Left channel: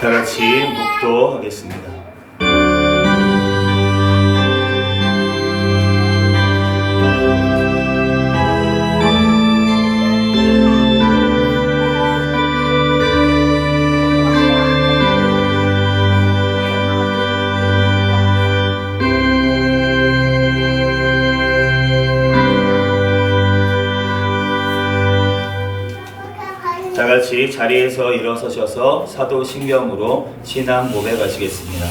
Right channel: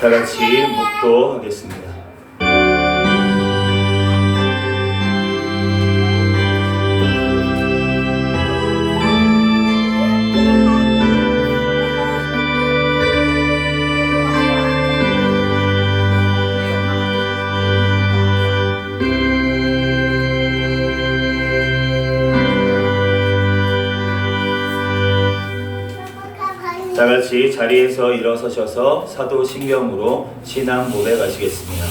다 같이 묵도하겠습니다. 다 같이 자리에서 일어서셔서 사도신경으로 신앙 고백하시겠습니다.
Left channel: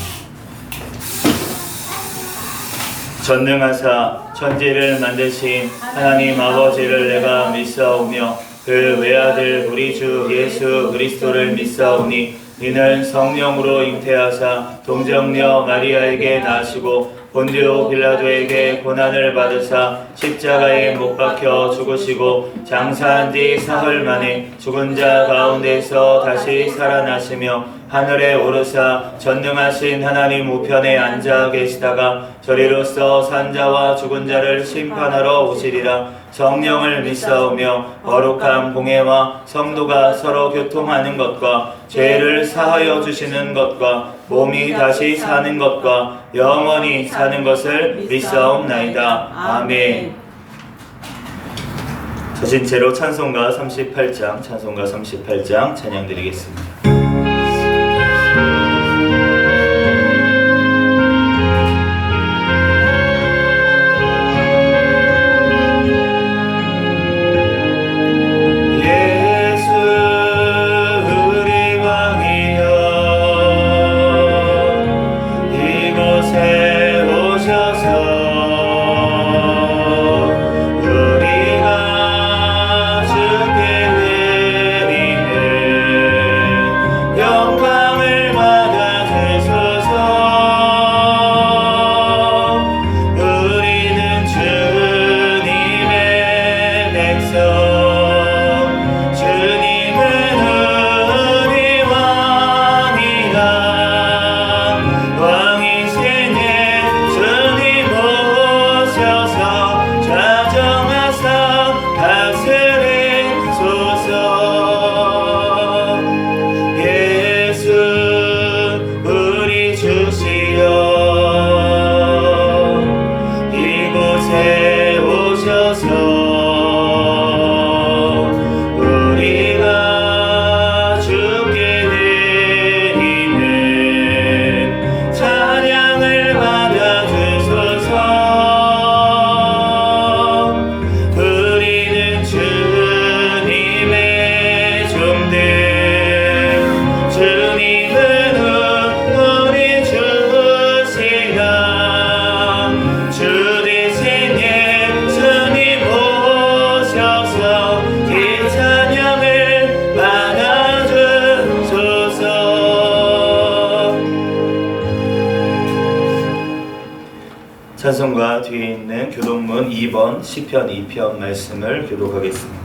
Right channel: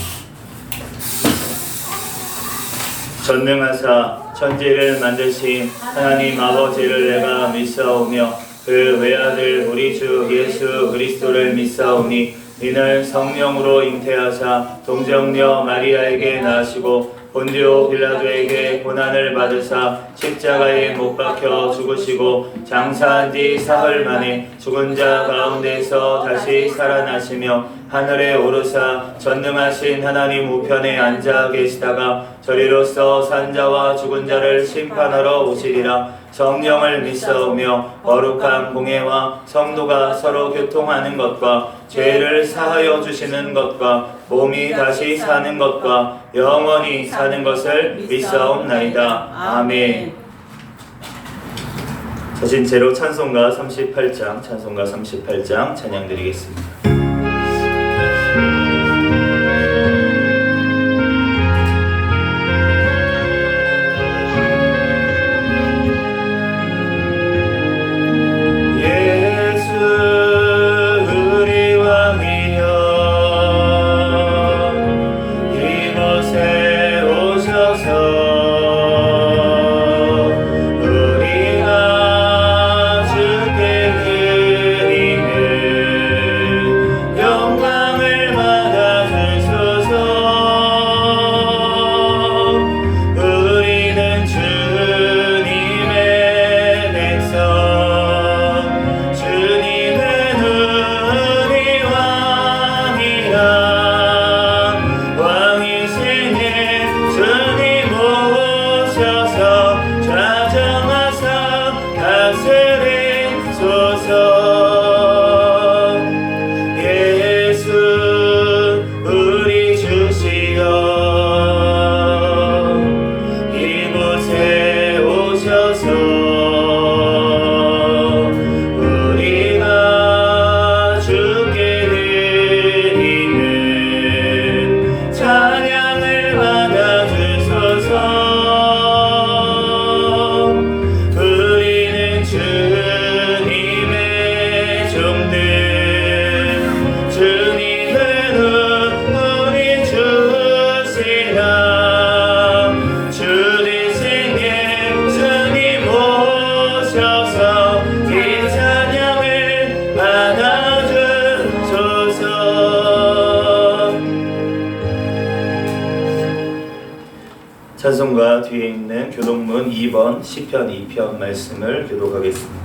전능하사 천지를 만드신 하나님 아버지를 내가 믿사오며 그 외아들 우리 주 예수 그리스도를 믿사오니 이는 성령으로 잉태하사 동정녀 마리아에게 나시고 본디오 빌라도에게 고난을 받으사 십자가에 못 박혀 죽으시고 장사한 뒤 사흘 만에 죽은 자 가운데서 다시 살아나시며 하늘에 오르사 전능하신 하나님 우편에 앉아 계시다가 저리로서 산자와 죽은 자를 심판하러 오시리라. 성령을 믿사오며 거룩한 공회와 성도가 서로 교통하는 것과 죄를 사하여 주시는 것과 몸이 다시 사는 것과 영원히 사는 것을 믿사옵나이다. 아멘. 저신체로 찬송가 38장 찬양 드리겠습니다. 찬송가 뒤에 있는 교독문 2번 시편 2편 말씀을 교독하겠습니다.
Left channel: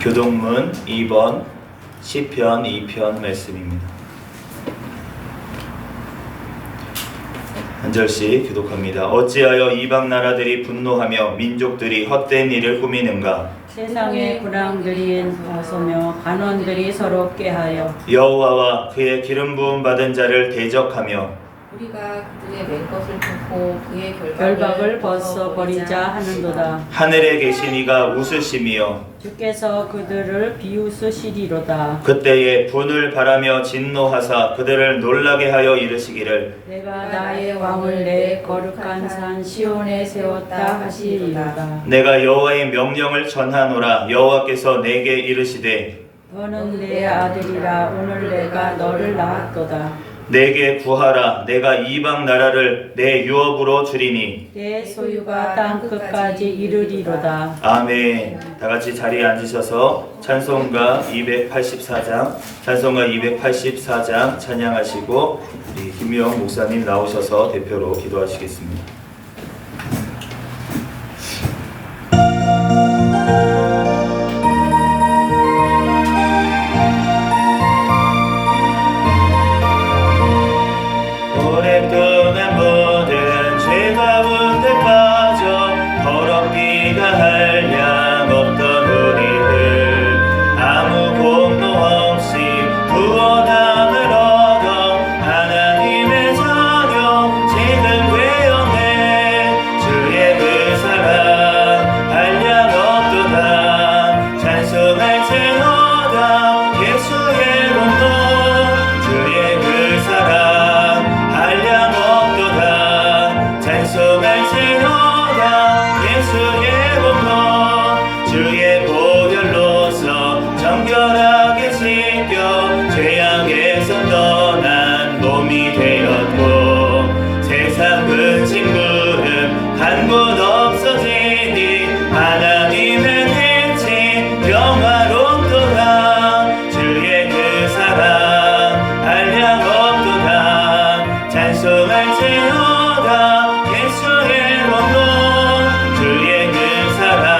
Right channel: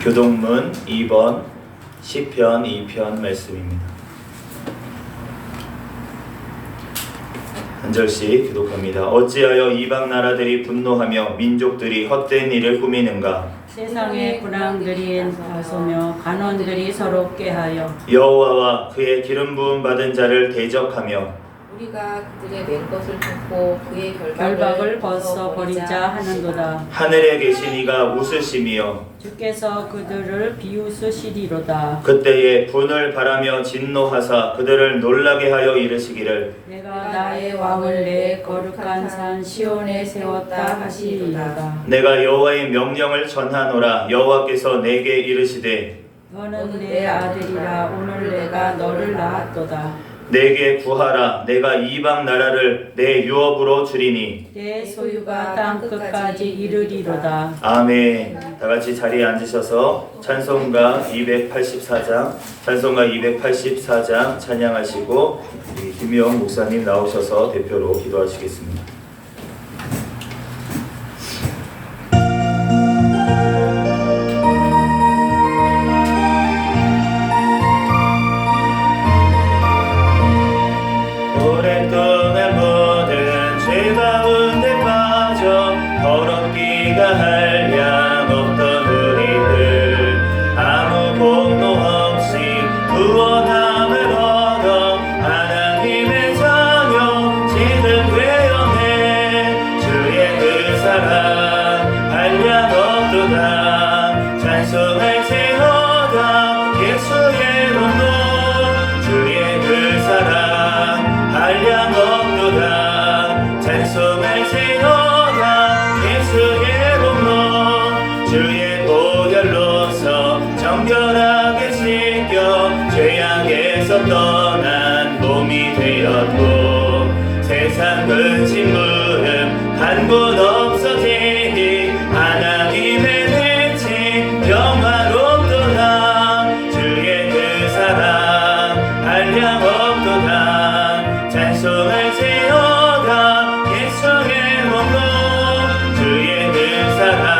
교독문 2번 시편 2편 말씀입니다. 한 절씩 교독합니다. 어찌하여 이방 나라들이 분노하며 민족들이 헛된 일을 꾸미는가? 세상의 군왕들이 나서며 간원들이 서로 꾀하여 여호와와 그의 기름 부음 받은 자를 대적하며 우리가 그들의 맹 것을 듣고 그의 결박을 벗어버리자 하는도다. 하늘에 계신 이가 웃으시며 주께서 그들을 비웃으시리로다. 그때에 분을 바라며 진노하사 그들을 놀라게 하여 이르시기를 내가 나의 왕을 내 거룩한 산 시온에 세웠다 하시리로다. 내가 여호와의 명령을 전하노라. 여호와께서 내게 이르시되 너는 내 아들이라. 오늘 내가 너를 낳았도다. 내게 구하라. 내가 이방 나라를 내 유업으로 주리니 내 소유가 땅 끝까지 이르리로다. 아멘. 다 같이 자리에 앉으셔서 찬송가 284장 찬양하시고 우리 김영 목사님 나오셔서 대표로 기도하시겠습니다. 오랫동안 모든 죄 가운데 빠져 더럽기가 한량 없던 우리들 아무 말씀할지로다 예수의 공로 주의 보혈로서 정결하게 씻겨 죄악에서 떠난 몸이 되었고 세상 근심 무름 한곳 없어지니 하나님의 빛이 영화롭도다 주의 그 사랑 한량 없도다 찬송할지로다 예수의 공로 주의 그 사랑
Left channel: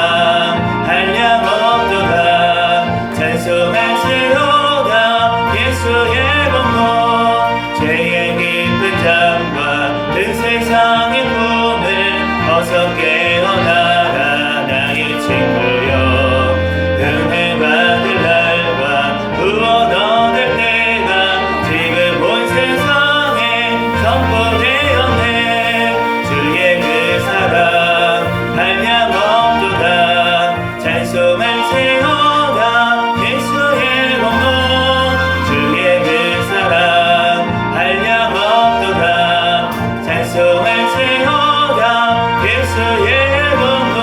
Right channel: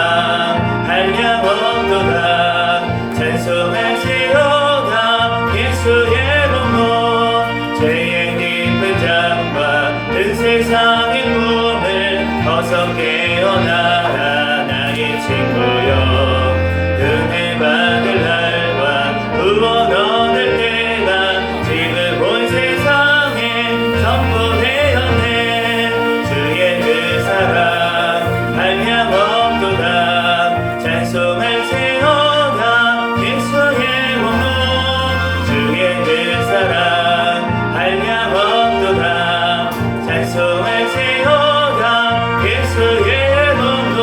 한량 없도다 찬송할지로다 예수의 공로 죄의 깊은 잠과 든 세상의 꿈을 어서 깨어나라 나의 친구여 은혜 받을 날과 구원 얻을 때가 지금 온 세상에 선포되었네 주의 그 사랑 한량 없도다 찬송할지로다 예수의 공로 주의 그 사랑 한량 없도다 찬송할지로다 예수의 공로.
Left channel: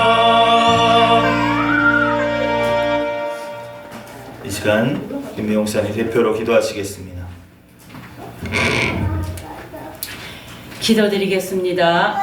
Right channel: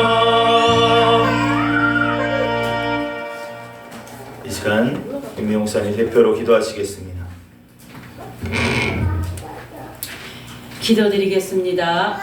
이 시간 김명사님 대표로 기도하시겠습니다. 기도드리겠습니다.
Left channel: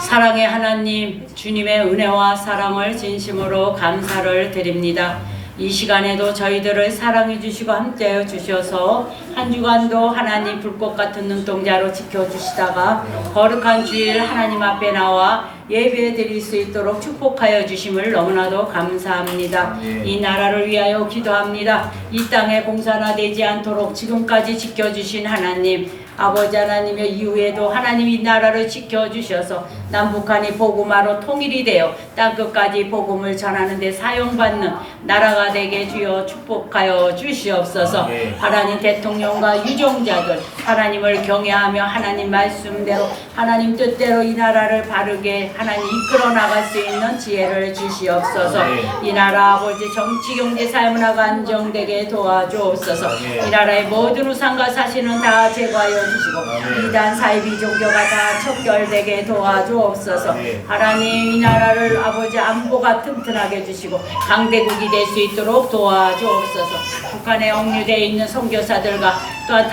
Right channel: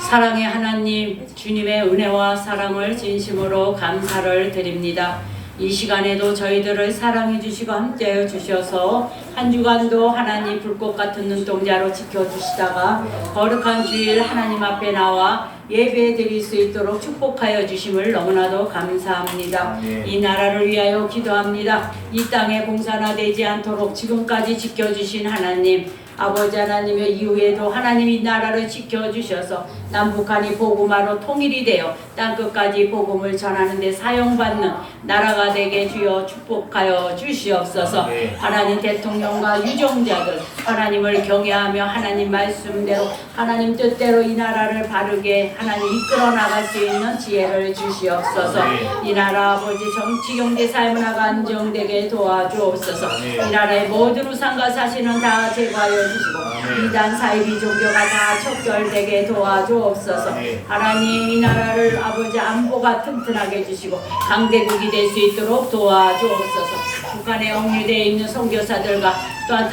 사랑의 하나님, 주님의 은혜와 사랑을 진심으로 감사를 드립니다. 이 시간에도 저희들을 사랑해 주시고 함께해 주셔서 한 주간도 하나님 불꽃 같은 눈동자로 지켜주시다가 거룩한 주일 하나님 앞에 나와 예배 드릴 수 있도록 축복하여 주심을 너무나도 감사합니다. 이 나라를 위하여 기도합니다. 이 땅에 공사나 되지 않도록 지금까지 지켜주신 하나님, 아버지 하나님의 이후에도 하나님 이 나라를 지켜주셔서 남북한이 복음화로 통일이 되어 땅끝까지 복음을 전하는 데 사용받는 나라가 되게 주여 축복하여 주시옵소서. 하나님 대통령과 유종자들 하나님을 경외하며 하나님 말씀대로 하나님 뜻대로 이 나라를 바르게 하나님 이끌어 나갈 수 있는 지혜를 주시옵소서. 이 나라 아버지 정치 경제 사회문화가 안정되게 도와주옵소서. 이 나라의 모든 우상과 사실은 다 제거하여 주시고 이단 사이비 종교가 다 척결되게 도와주옵소서. 하나님 이 나라를 아버지 안보가 튼튼하게 해주시고 강대국이 될 수 있도록 도와주옵소서. 북한에 억류되어 있는 선교사들과 또한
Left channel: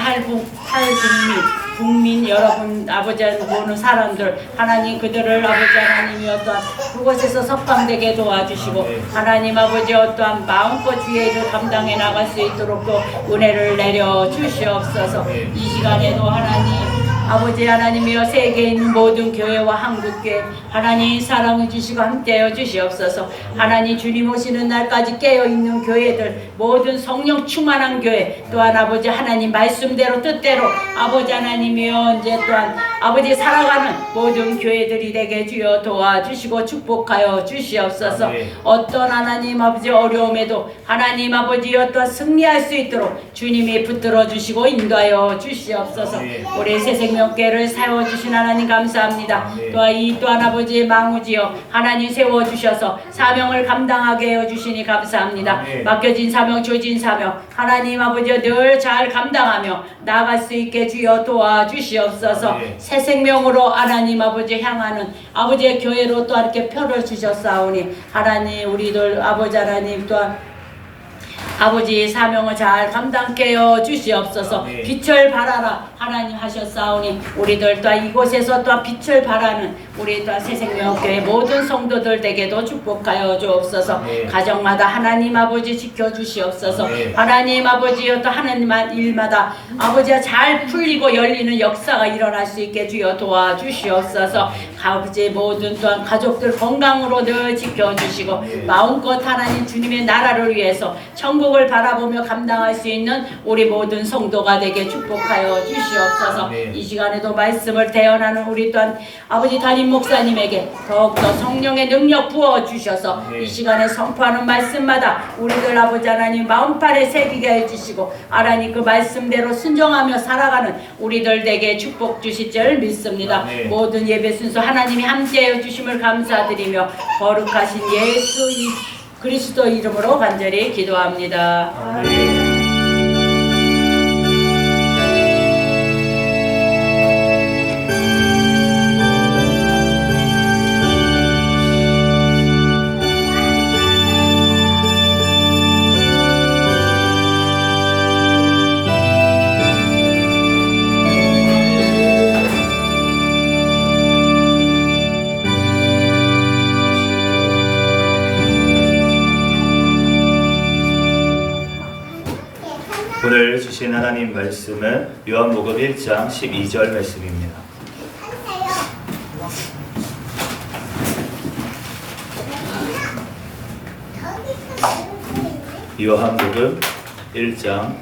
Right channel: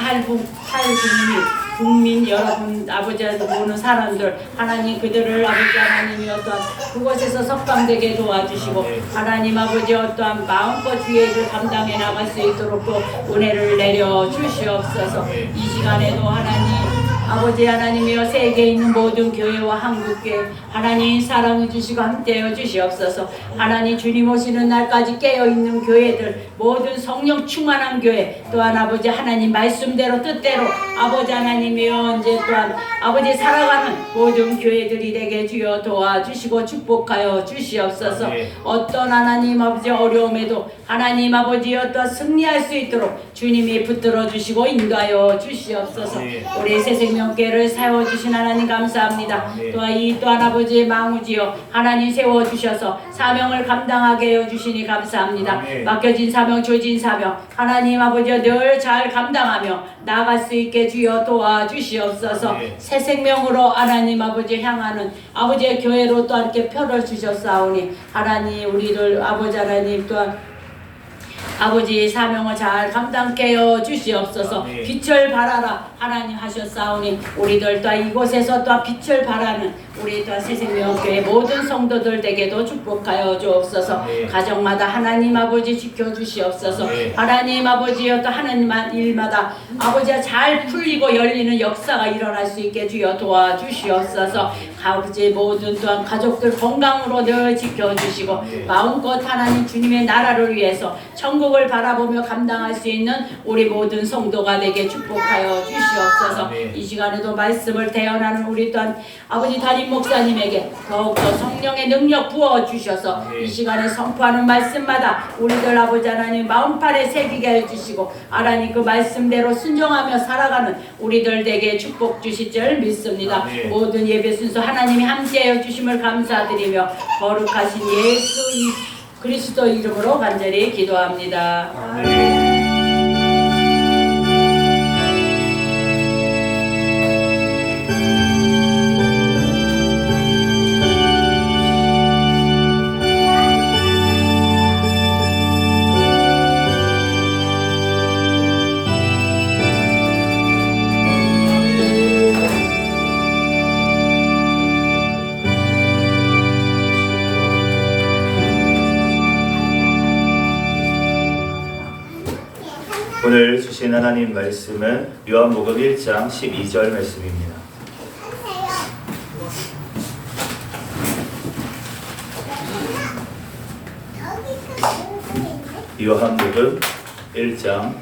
국민 여러분 아버지 보는 사람들 하나님 그들을 아버지 하나님이 어떠한 그곳에서 석방되게 도와주시고 하나님 아버지 어떠한 마음껏 주의 일을 감당해 나갈 수 있도록 또 은혜를 내려 주시옵소서. 이 시간에도 하나님 아버지 하나님이여 세계에 있는 모든 교회와 한국교회 하나님 사랑해 주시고 함께하여 주시옵소서. 하나님 주님 오시는 날까지 깨어있는 교회들 모든 성령 충만한 교회 또한 아버지 하나님 말씀대로 뜻대로 아버지 하나님이여 이제 또한 아버지 살아가는 모든 교회들이 되게 주여 도와주시고 축복하여 주시옵소서. 어떤 하나님 아버지 어려움에도 하나님 아버지 어떠한 승리할 수 있도록 주님이 붙들어 주시고 인도하여 주시옵소서. 올해 새생명교회를 세워주신 하나님 감사합니다. 또한 아버지의 망우지여 하나님 세워주셔서 사명을 감당하게 해주시니 감사합니다. 맡겨진 사명 주어진 사명 하나님 아버지여 늘 잘 감당하며 나아갈 수 있게 주여 도와주시옵소서. 새 생명으로 하나님 아버지 향하는 아버지의 교회로 또한 이렇게 표를 주셨사오니 하나님 우리들 아버지 하나님 또한 아버지의 사명을 잘 감당케 해 주시옵소서. 빛을 발하라 하나님 하셨사오니 우리들 또한 이곳에서 또한 빛을 발하는 우리 또한 새생명교회 모든 성도들 에게도 축복하여 주옵소서. 가정마다 하나님 아버지 지켜주시옵소서. 하나님 아버지여 또 하나님 일마다 아버지가 잘 풀리고 열리는 역사가 일어날 수 있게 주여 도와주시옵소서. 아버지 모든 또한 가족들 건강으로 늘 지켜주시고 마음껏 하나님 주님의 나라를 위해서 천국을 바라보며 감당할 수 있는 우리 모든 성도가 되게 축복하여 주시옵소서. 이 시간에도 말씀을 대언하는 우리 또한 아버지 담임 목사님에게 더욱더 성령의 능력 부어주셔서 이 시간에 선포하는 말씀마다 우리들 아버지 하나님 마음판에 새기게 해주시고 하나님 그 말씀대로 순종하며 살아가는 우리들 되게 축복 주실 줄 믿습니다. 모든 예배 순서 하나님이 함께해 주심을 감사드리며 거룩하신 예수 그리스도 이름으로 간절히 기도합니다. 아멘. 오늘 주신 하나님 말씀은 요한복음 1장 12절 말씀입니다. 요한복음 1장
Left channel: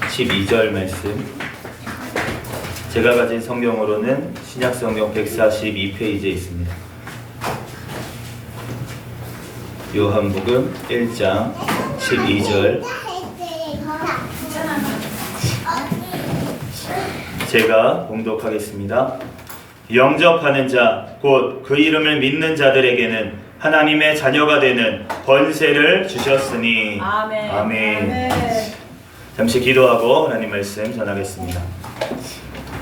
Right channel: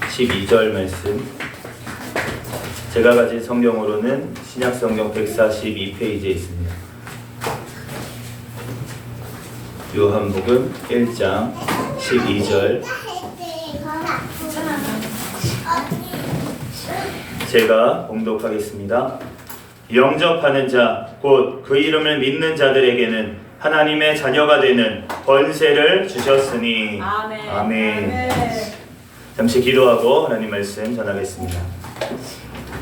12절 말씀. 제가 가진 성경으로는 신약성경 142페이지에 있습니다. 요한복음 1장 12절. 제가 봉독하겠습니다. 영접하는 자, 곧 그 이름을 믿는 자들에게는 하나님의 자녀가 되는 권세를 주셨으니. 아멘. 아멘. 잠시 기도하고 하나님 말씀 전하겠습니다.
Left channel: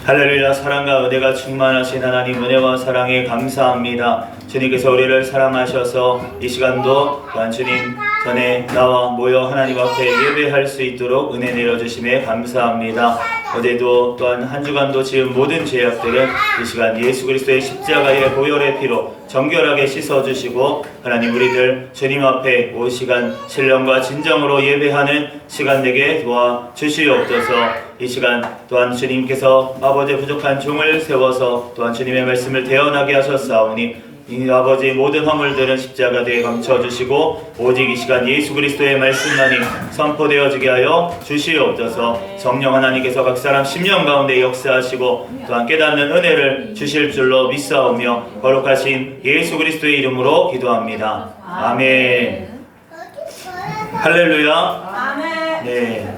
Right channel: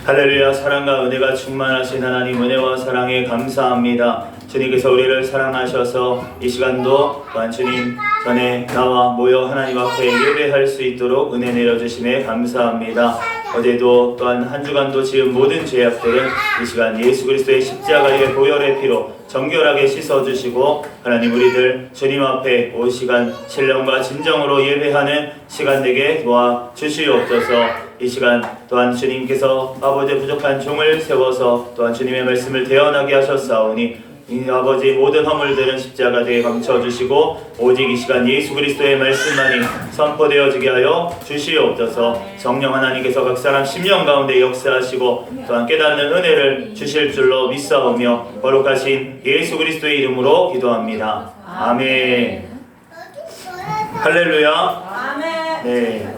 할렐루야. 사랑과 은혜가 충만하신 하나님, 은혜와 사랑에 감사합니다. 주님께서 우리를 사랑하셔서 이 시간도 또한 주님 전에 나와 모여 하나님 앞에 예배할 수 있도록 은혜 내려주심에 감사합니다. 어제도 또한 한 주간도 지은 모든 죄악들은 이 시간 예수 그리스도의 십자가의 보혈의 피로 정결하게 씻어주시고, 하나님 우리들 주님 앞에 이 시간 신령과 진정으로 예배하는 시간 되게 도와주시옵소서. 이 시간 또한 주님께서 아버지의 부족한 종을 세워서 또한 주님의 말씀을 대언하게 하셨사오니 이 아버지 모든 허물들은 십자가대에 감춰주시고 오직 이 시간 예수 그리스도의 말씀만이 선포되어지게 하여 주시옵소서. 성령 하나님께서 각 사람 심령 가운데 역사하시고 또한 깨닫는 은혜를 주실 줄로 믿사오며 거룩하신 예수 그리스도의 이름으로 기도합니다. 아멘. 할렐루야. 네.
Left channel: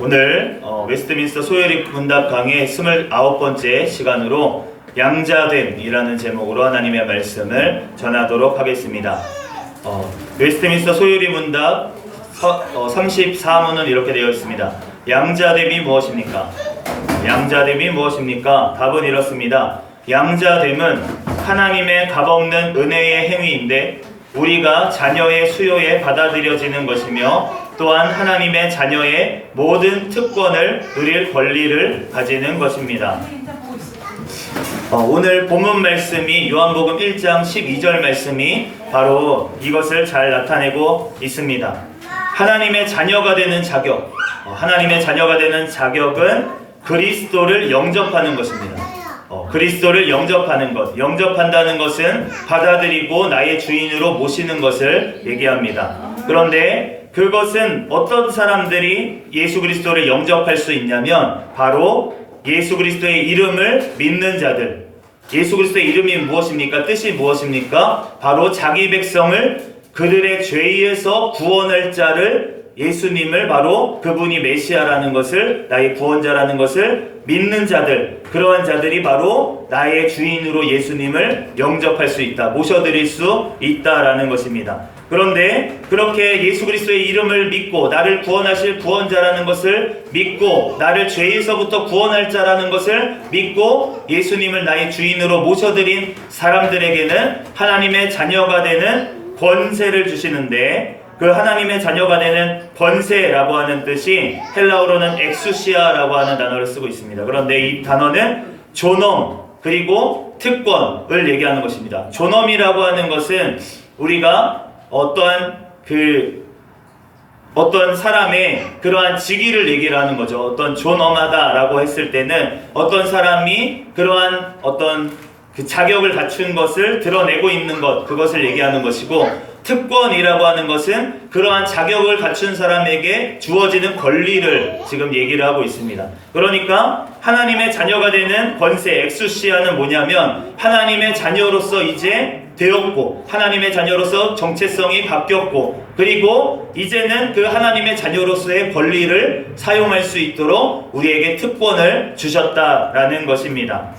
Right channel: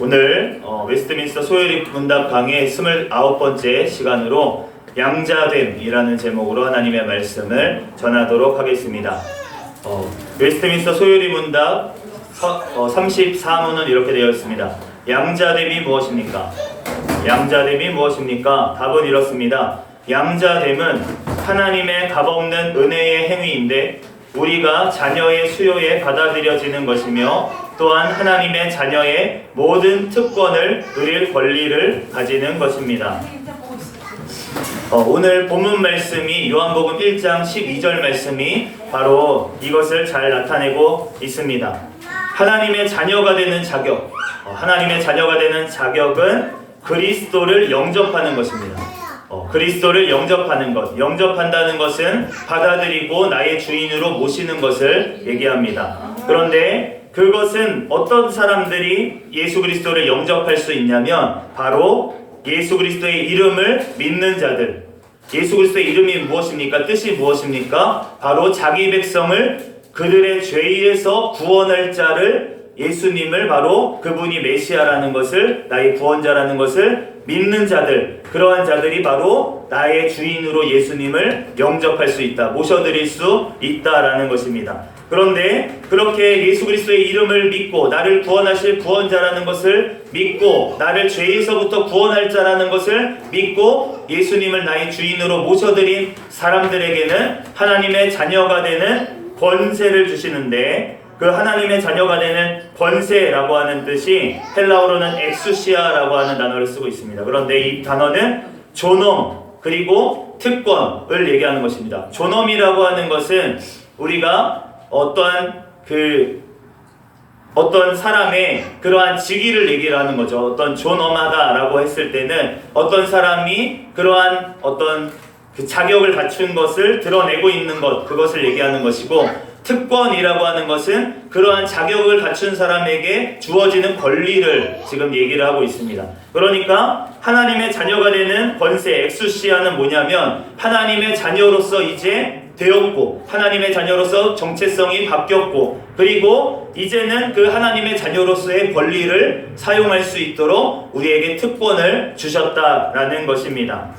오늘 웨스트민스터 소요리 문답 강의 29번째 시간으로 양자됨이라는 제목으로 하나님의 말씀을 전하도록 하겠습니다. 웨스트민스터 소요리 문답 34문은 이렇게 되어 있습니다. 양자됨이 무엇입니까? 양자됨이 무엇입니까? 답은 이렇습니다. 양자됨은 하나님의 값없는 은혜의 행위인데 우리가 자녀의 수요에 받아들여지는 것이며 또한 하나님의 자녀의 모든 특권을 누릴 권리를 가지는 것입니다. 오늘 본문 말씀이 요한복음 1장 12절 말씀이 바로 이것을 잘 나타내고 있습니다. 하나님의 자녀가 되는 자격, 하나님의 자녀가 되는 자격은 그리스도를 영접하는 것입니다. 그리스도를 영접하는 것, 영접한다는 것은 받아들이고 나의 주인으로 모시는 것을 얘기합니다. 그런데 그것은 어떤 사람들이 예수 그리스도를 영접할 수 있냐면 바로 예수 그리스도의 이름을 믿는 자들. 예수 그리스도의 이름이 무엇입니까? 뜻이 무엇입니까? 바로 자기 백성을 그들의 죄에서 구원할 자를, 예수님을, 바로 그분이 메시아라는 것을, 나의 구원자라는 것을 믿는 자들, 그러한 자들이 바로 나의 주인으로 예수님을 영접할 수 있다, 모셔드릴 수 있다라는 것입니다. 그런데 그렇게 예수 그리스도의 이름을 믿고 나를 구원하실 구원자라는 것을 믿고 나를 죄에서부터 구원할 자라는 것을 믿고 예수님을 나의 주인으로 모셔드린 사람들에게는 하나님의 자녀가 되는 권세를 주시는데, 그 하나님의 자녀가 되는 권세라고 하는 뜻이 헬라어로는 엑수시아라고 하는 단어를 쓰고 있습니다. 그런데 이 단어는 존엄 그리고 특권을 얘기하는 것입니다. 존엄이라고 하는 것은 우리가 어떤 사람의 그러한 직위를 얘기를 하는 거죠. 어떤 존엄하다라고 했을 때는 어떤 사람이 그러한 어떤 그 자격을 갖춘 것을 드러내고 있는 것, 그것을 얘기하는 것이고, 특권이라고 하는 것은 그러한 자격을 갖춘 사람에게 주어지는 권리를 지금 얘기를 하고 있습니다. 그러니까 하나님의 자녀가 되는 권세, 엑수시아는 뭐냐면 하나님의 자녀로서 이제 되었고, 하나님의 자녀로서 정체성이 바뀌었고, 그리고 이제는 그 하나님의 자녀로서의 권리를 사용할 수 있도록 우리에게 특권을 주셨다라는 것입니다.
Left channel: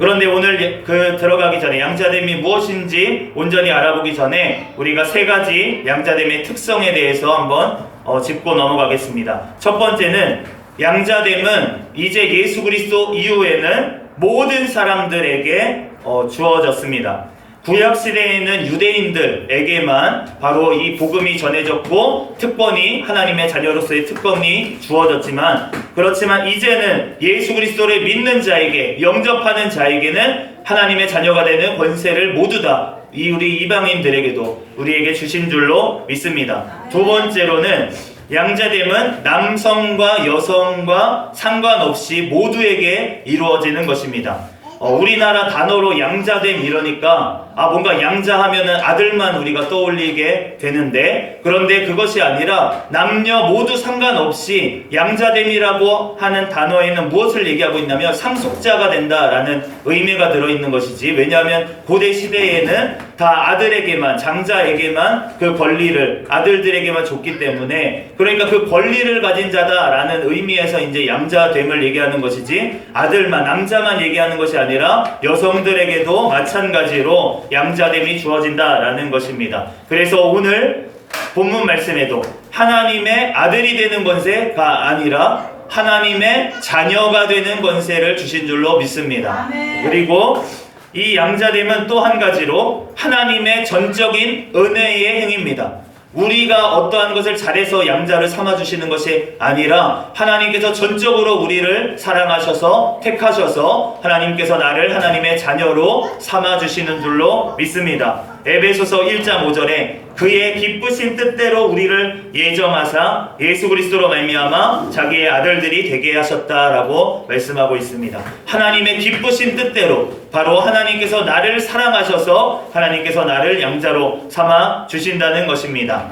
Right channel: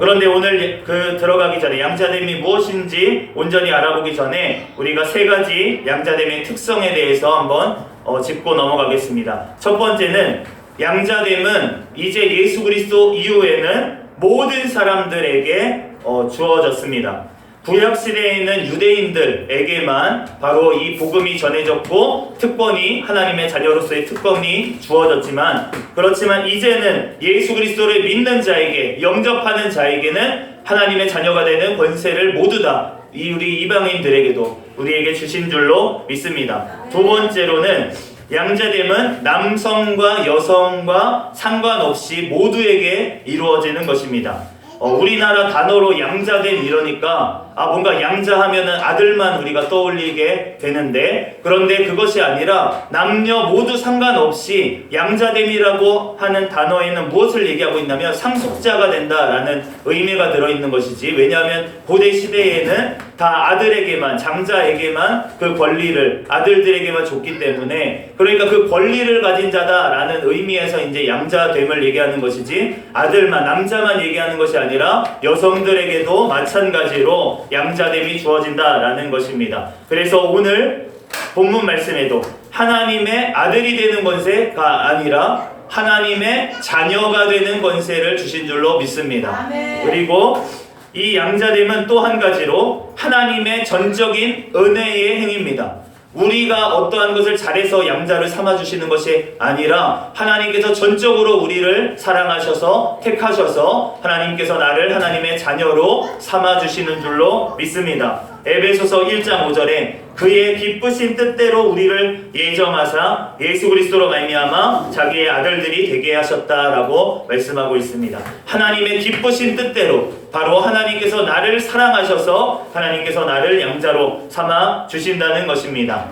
그런데 오늘 들어가기 전에 양자됨이 무엇인지 온전히 알아보기 전에 우리가 세 가지 양자됨의 특성에 대해서 한번 짚고 넘어가겠습니다. 첫 번째는 양자됨은 이제 예수 그리스도 이후에는 모든 사람들에게 주어졌습니다. 구약시대에 있는 유대인들에게만 바로 이 복음이 전해졌고 특권이, 하나님의 자녀로서의 특권이 주어졌지만, 그렇지만 이제는 예수 그리스도를 믿는 자에게, 영접하는 자에게는 하나님의 자녀가 되는 권세를 모두 다 우리 이방인들에게도 우리에게 주신 줄로 믿습니다. 두 번째로는 양자됨은 남성과 여성과 상관없이 모두에게 이루어지는 것입니다. 우리나라 단어로 양자됨 이러니까 뭔가 양자하면은 아들만 우리가 떠올리게 되는데, 그런데 그것이 아니라 남녀 모두 상관없이 양자됨이라고 하는 단어에는 무엇을 얘기하고 있냐면 상속자가 된다라는 의미가 들어있는 것이지. 왜냐하면 고대 시대에는 다 아들에게만, 장자에게만 그 권리를 아들들에게만 줬기 때문에, 그러니까 그 권리를 가진 자다라는 의미에서 이제 양자됨을 얘기하는 것이지, 아들만, 남자만 얘기하는 것이 아니라 여성들에게도 마찬가지로 양자됨이 주어진다라는 것입니다. 그래서 오늘 본문 말씀에도 하나님의 아들이 되는 권세가 아니라 하나님의 자녀가 되는 권세를 주신 줄로 믿습니다. 그리고 이 양자됨은 또 한 가지로 하나님의 전적인 은혜의 행위입니다. 우리가 어떠한 것을 잘해서 양자를 삼아주시는 것이 아니라 하나님께서 전적으로 우리를 사랑하셔서 택하셔서 하나님께서 나를 하나님의 자녀로 삼아주시는 줄로 믿습니다. 에베소서 1장 5절에 그의 기쁘신 뜻대로 우리를 예정하사 예수 그리스도로 말미암아 자기의 아들들이 되게 하셨다라고 말씀하고 있습니다. 하나님의 기쁘신 뜻대로, 바로 하나님께서 나를 사랑하셔서 하나님께서 나를 양자로 삼아 주신다는 것입니다.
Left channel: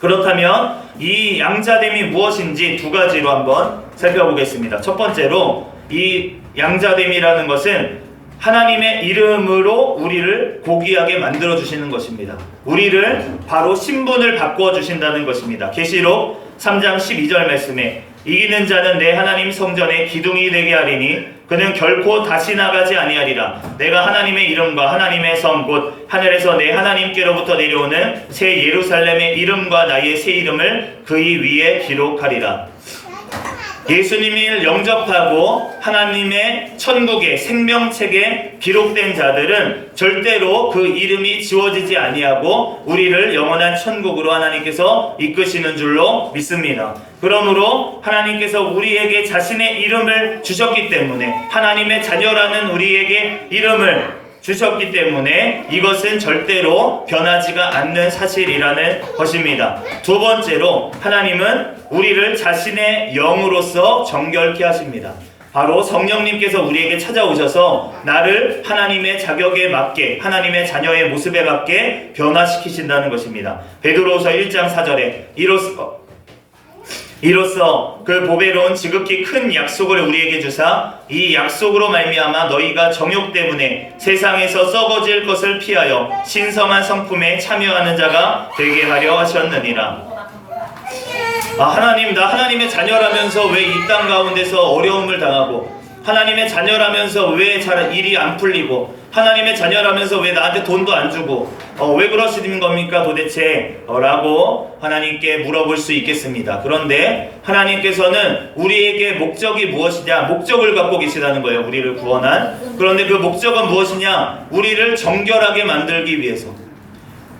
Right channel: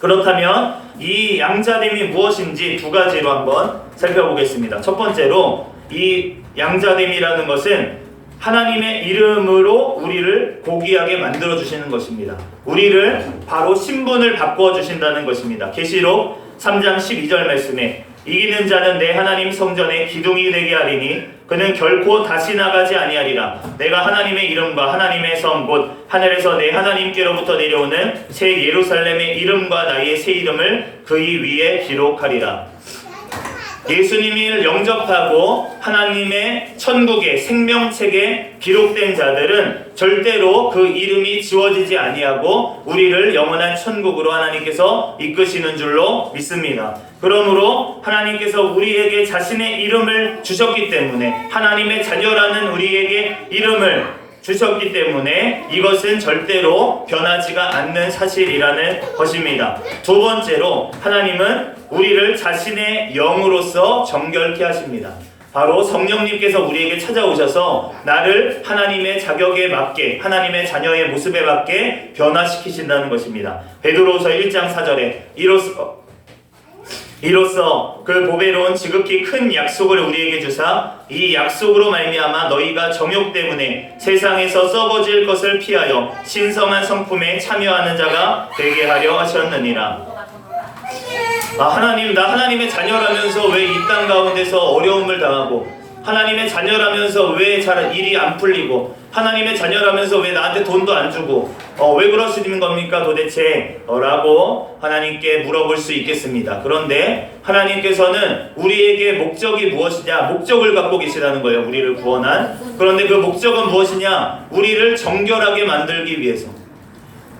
그렇다면 이 양자됨이 무엇인지 두 가지로 한번 살펴보겠습니다. 첫 번째로, 이 양자됨이라는 것은 하나님의 이름으로 우리를 고귀하게 만들어 주시는 것입니다. 우리를 바로 신분을 바꾸어 주신다는 것입니다. 계시록 3장 12절 말씀에 이기는 자는 내 하나님 성전의 기둥이 되게 하리니 그는 결코 다시 나가지 아니하리라. 내가 하나님의 이름과 하나님의 성 곧 하늘에서 내 하나님께로부터 내려오는 새 예루살렘의 이름과 나의 새 이름을 그의 위에 기록하리라. 예수님을 영접하고 하나님의 천국의 생명책에 기록된 자들은 절대로 그 이름이 지워지지 아니하고 우리를 영원한 천국으로 하나님께서 이끄시는 줄로 믿습니다. 그러므로 하나님께서 우리에게 자신의 이름을 주셨기 때문에, 하나님의 자녀라는 우리에게 이름을 주셨기 때문에 이것은 절대로 변하지가 않는 사실이라는 것입니다. 두 번째로, 하나님은 우리를 자신의 영으로서 정결케 하십니다. 바로 성령님께서 우리에게 찾아오셔서 나를 하나님의 자격에 맞게, 하나님의 자녀의 모습에 맞게 변화시키신다는 것입니다. 베드로후서 1장 4절에 이로써 그 보배로운 지극히 큰 약속을 우리에게 주사 이 약속으로 말미암아 너희가 정욕 때문에 세상에서 썩어질 것을 피하여 신성한 성품에 참여하는 자가 되게 하려 하셨느니라. 하나님, 나 하나님의 자녀라면서 왜 이 땅 가운데서 어려움을 당하고, 하나님의 자녀라면서 왜 잘 일이 안 풀리고, 하나님의 자녀라면서 왜 나한테 돈도 안 주고, 왜 그러시는 겁니까 도대체? 라고 하나님께 물어볼 수 있겠습니다. 그런데 하나님께서는 우리에게 목적이 무엇이냐? 목적을 갖고 계시다는 거예요. 우리를 구원한. 그런데 그 목적은 무엇이냐? 우리를 정결하게 만들기 위해서,